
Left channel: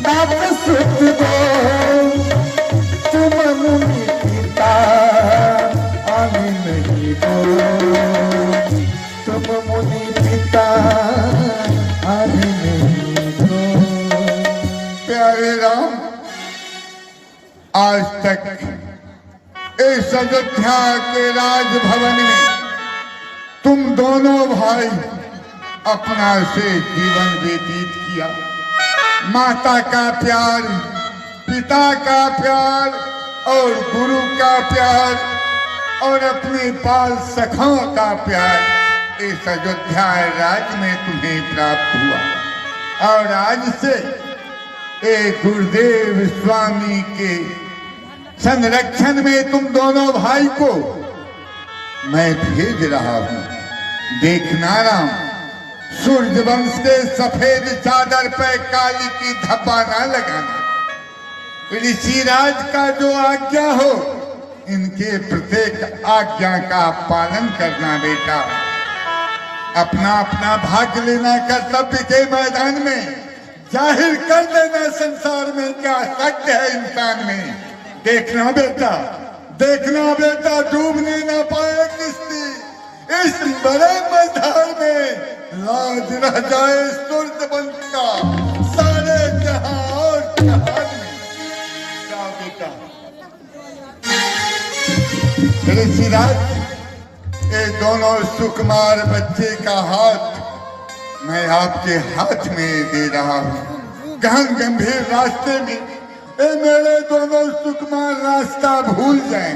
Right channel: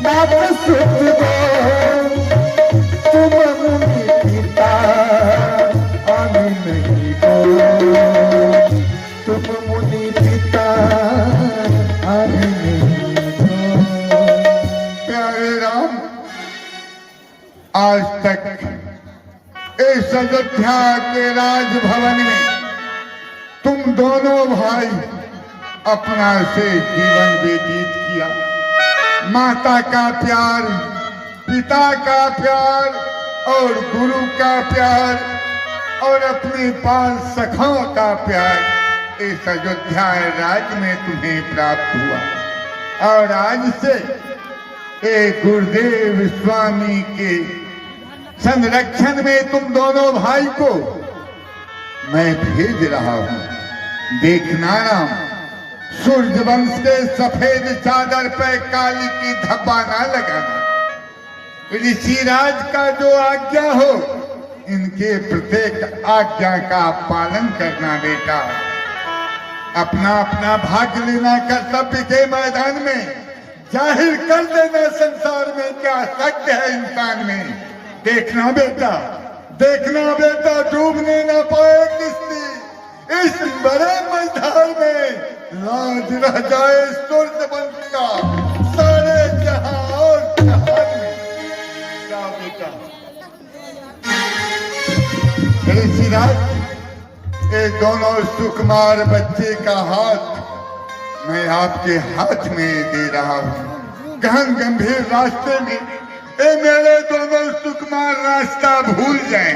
बाप सुख दो, तुम मुनि पिता आने नहीं दो, तुम मुनि पिता आने नहीं दो। प्यारे राम, आज तक इस अयोध्या के राजभवन में तुम दोनों भाई अपना से जीवन व्यतीत किया। माता का प्यार, पिता का प्यार और गुरु का प्यार और अपने बाल सखों का प्यार इस अयोध्या राज्य में तुम्हें प्राप्त हुआ। और आज से एक गुरुदेव स्वामी के संरक्षण में तुम दोनों भाई को मैं भेज रहा हूं। देखना राम, सूर्यवंश के सफेद चादर पे काली की धब्बा ना लगाना। ऋषिराज का जो आज्ञा हो, इनके प्रत्येक आज्ञा का पालन करना बेटा। अपना अपना भाग लेना कर्तव्य के मैदान में जाहिर कर देना। संसार में क्या शक्ति है इंसान में। देखना बेटा, देखना बेटा, डूबने न पाए किस्ती इस बड़े मैदान में। लाज रह जाए सूर्यवंश का सारे जहां और जहान में। जाओ बेटा। ऋषिराज, ये दोनों सुकुमार बच्चे का हाथ मैं आपके हाथ में दे रहा हूँ। गहन गंभीर रास्ते में ये मेरे दोनों सुकुमार रास्ता भूल जाएं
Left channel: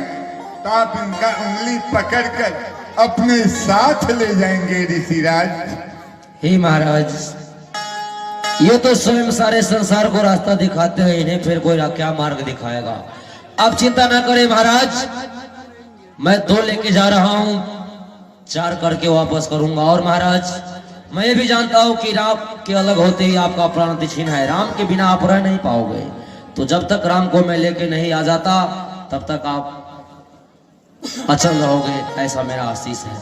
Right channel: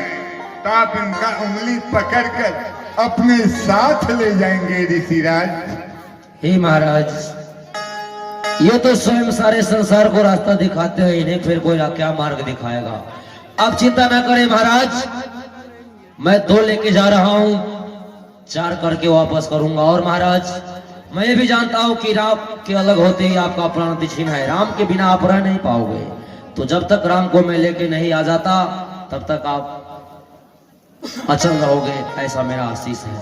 तो आप इनका उंगली पकड़कर अपने साथ ले जाएंगे ऋषिराज। हे महाराज, ये तो स्वयं सारे संसार को रास्ता दिखाते हैं, इन्हें फिर कोई क्या मार्ग दिखाएगा। आप चिंता ना करें महाराज, मैं 2 लेके जा रहा हूं, 4 करके वापस करूंगा। और महाराज मैं ये भी जानता हूं कि राम के अलग होते ही आपका प्राण छीन है, राम के बिना आप रह नहीं पाओगे। तो जब तक राम को मैं लेके नहीं आ जाता तब तक आप अचल रहोगे, ऐसा मेरा आशीष है।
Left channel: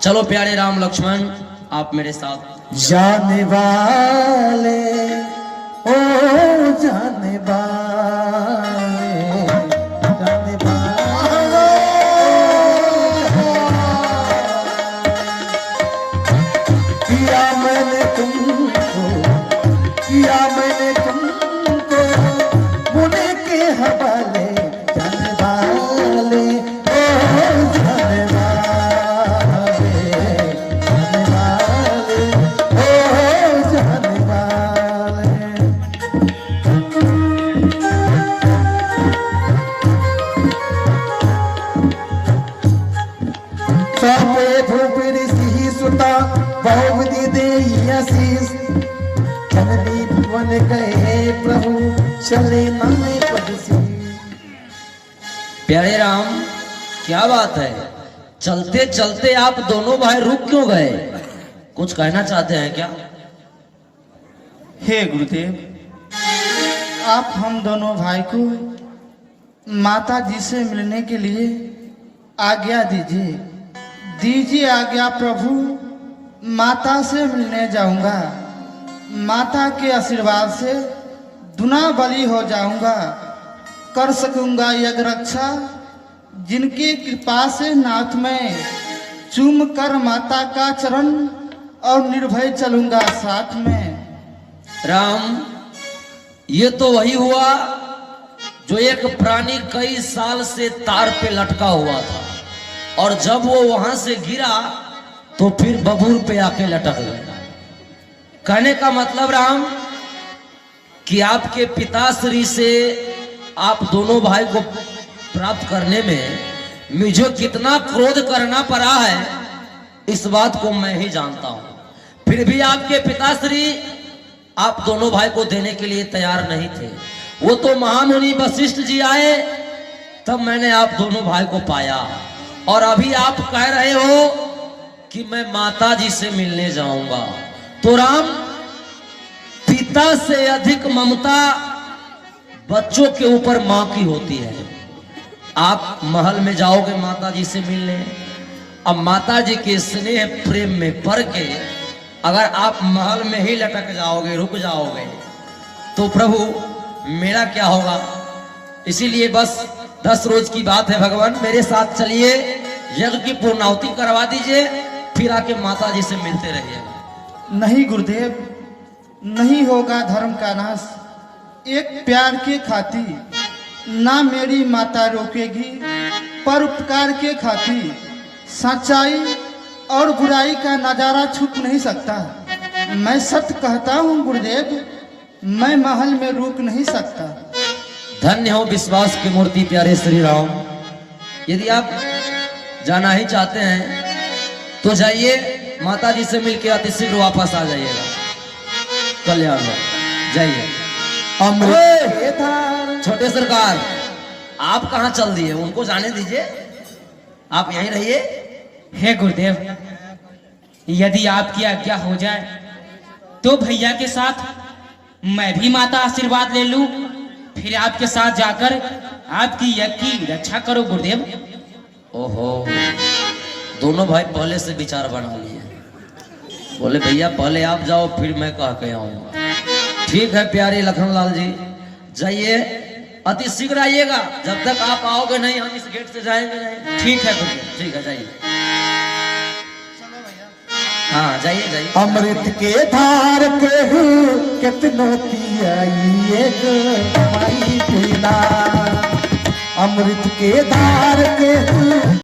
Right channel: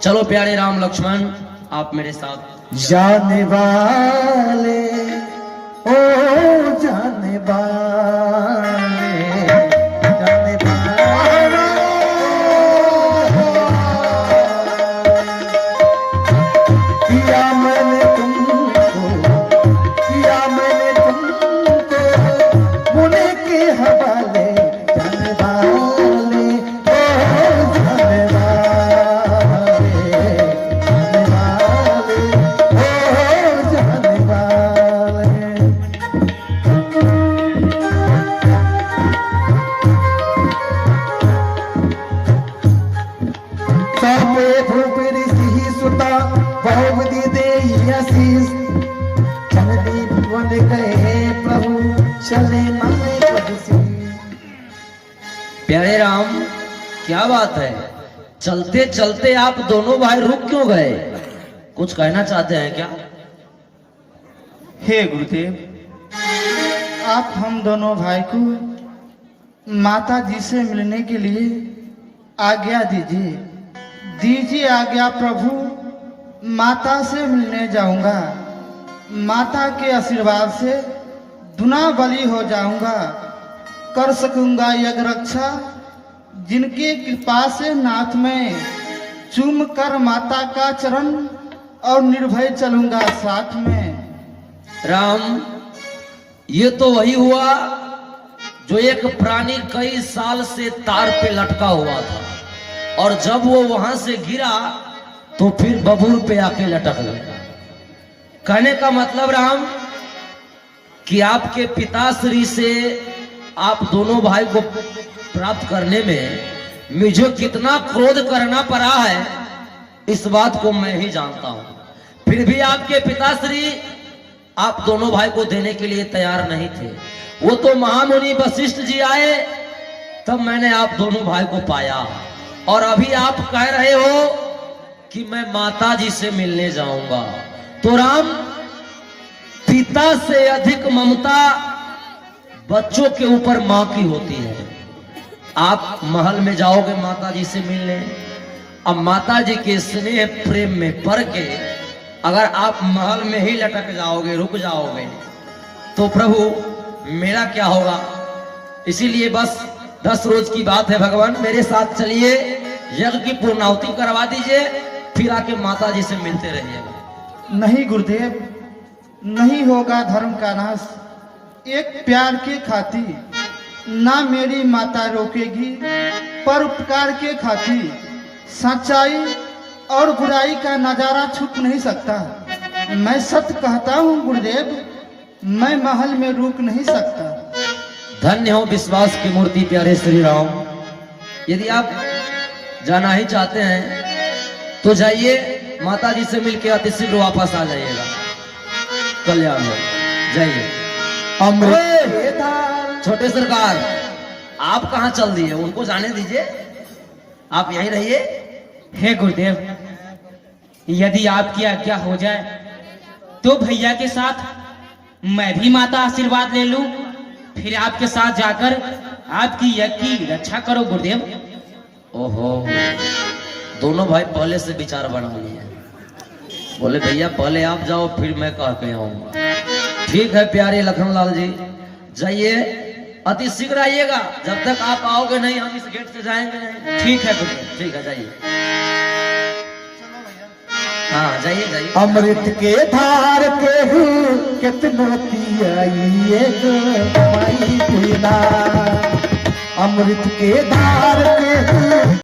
चलो प्यारे राम लक्ष्मण, आप मेरे साथ। जाने वाले ओ जाने वाले, जाने वाले, किया मैंने तुमको, किया मैंने तुमको मुने के हवाले, जाने वाले ओ जाने वाले, जाने वाले। सुता बहुवती दे आशीष, जननी भुवन गए प्रभु चले मन प्रभु। प्यारे राम क्या बात है, चलते चलते आप दोनों भाई रुक क्यों गए? कुछ कहना चाहते हैं क्या? हे गुरुदेव, आप हम दोनों भाई को माता जी से मिलने के लिए आज्ञा दीजिए। दीजिए आज्ञा प्रभु, माता से मिलने जाऊंगा। माता के आशीर्वाद से दुना बली हो जाऊंगा, कर सकूंगा यज्ञ रक्षा। जिनके कृपा से नाथ में चूम कर माता का चरण और निर्भय चलूंगा साथ में। राम ये तो वही हुआ जो एक प्राणी कई साल से तार पे लटका हुआ था, और जब वो वहां से गिरा तो फिर बबूल पे आके लटक गया। कहने का मतलब राम कि आपके पिताश्री से आप दोनों भाई को प्राप्त करने में मुझे कितना क्रोध करना पड़ा है, इस बात को मैं ही जानता हूं। फिर भी आपके पिताश्री आप दोनों भाई को देने के लिए तैयार नहीं थे। वो तो महामुनि वशिष्ठ जी आए तब मैंने आप दोनों भाई को पाया, और अभी आप कह रहे हो कि मैं माता जी से मिलने जाऊंगा। तो राम, पिता से अधिक ममता बच्चों के ऊपर मां की होती है। आप महल में जाओगे माता जी से मिलने, अब माता जी के स्नेह प्रेम में पड़ के अगर आप महल में ही लटक जाओगे, रुक जाओगे, तो प्रभु मेरा क्या होगा? इसीलिए बस 10 रोज की बात है, भगवान मेरे साथ चलिए, यज्ञ की पूर्णाहुति करवा दीजिए, फिर आके माता जी से मिलते रहिएगा। नहीं गुरुदेव, नहीं होगा धर्म का नाश। एक प्यार की खातिर ना मेरी माता रोकेगी, पर उपकार के खातिर सच्चाई और बुराई का नजारा छुप नहीं सकता। मैं सत्य कहता हूँ गुरुदेव, मैं महल में रुक नहीं सकता। धन्य हो विश्वास की मूर्ति प्यारे श्री राम। यदि आप जाना ही चाहते हैं तो जाइए, माता जी से मिलकर अति शीघ्र वापस आ जाइएगा। कल्याण हो, जाइए। छोटे सरकार, आप कहाँ चल दिए? उनको जाने दीजिए, आप यहीं रहिए। हे गुरुदेव, यदि आपकी आज्ञा हो जाए तो भैया के साथ मैं भी माता आशीर्वाद ले लूं, फिर आपके साथ जाकर आपकी यज्ञ की रक्षा करो गुरुदेव। ओहो, दोनों भाई पहले से विचार बना लिए। बोले भैया पहले आप जाओ, फिर मैं कह के आऊंगा। ठीक है प्यारे लखनलाल जी, जाइए, अति शीघ्र आइएगा। जब तक आप आओगे नहीं हम इस गेट से जाएंगे नहीं। ठीक है गुरुदेव। ठीक है, जाइए। हाँ जाइए जाइए। अमृत के धार के हूँ कितना पियाइए पीना, अमृत के धार के हूँ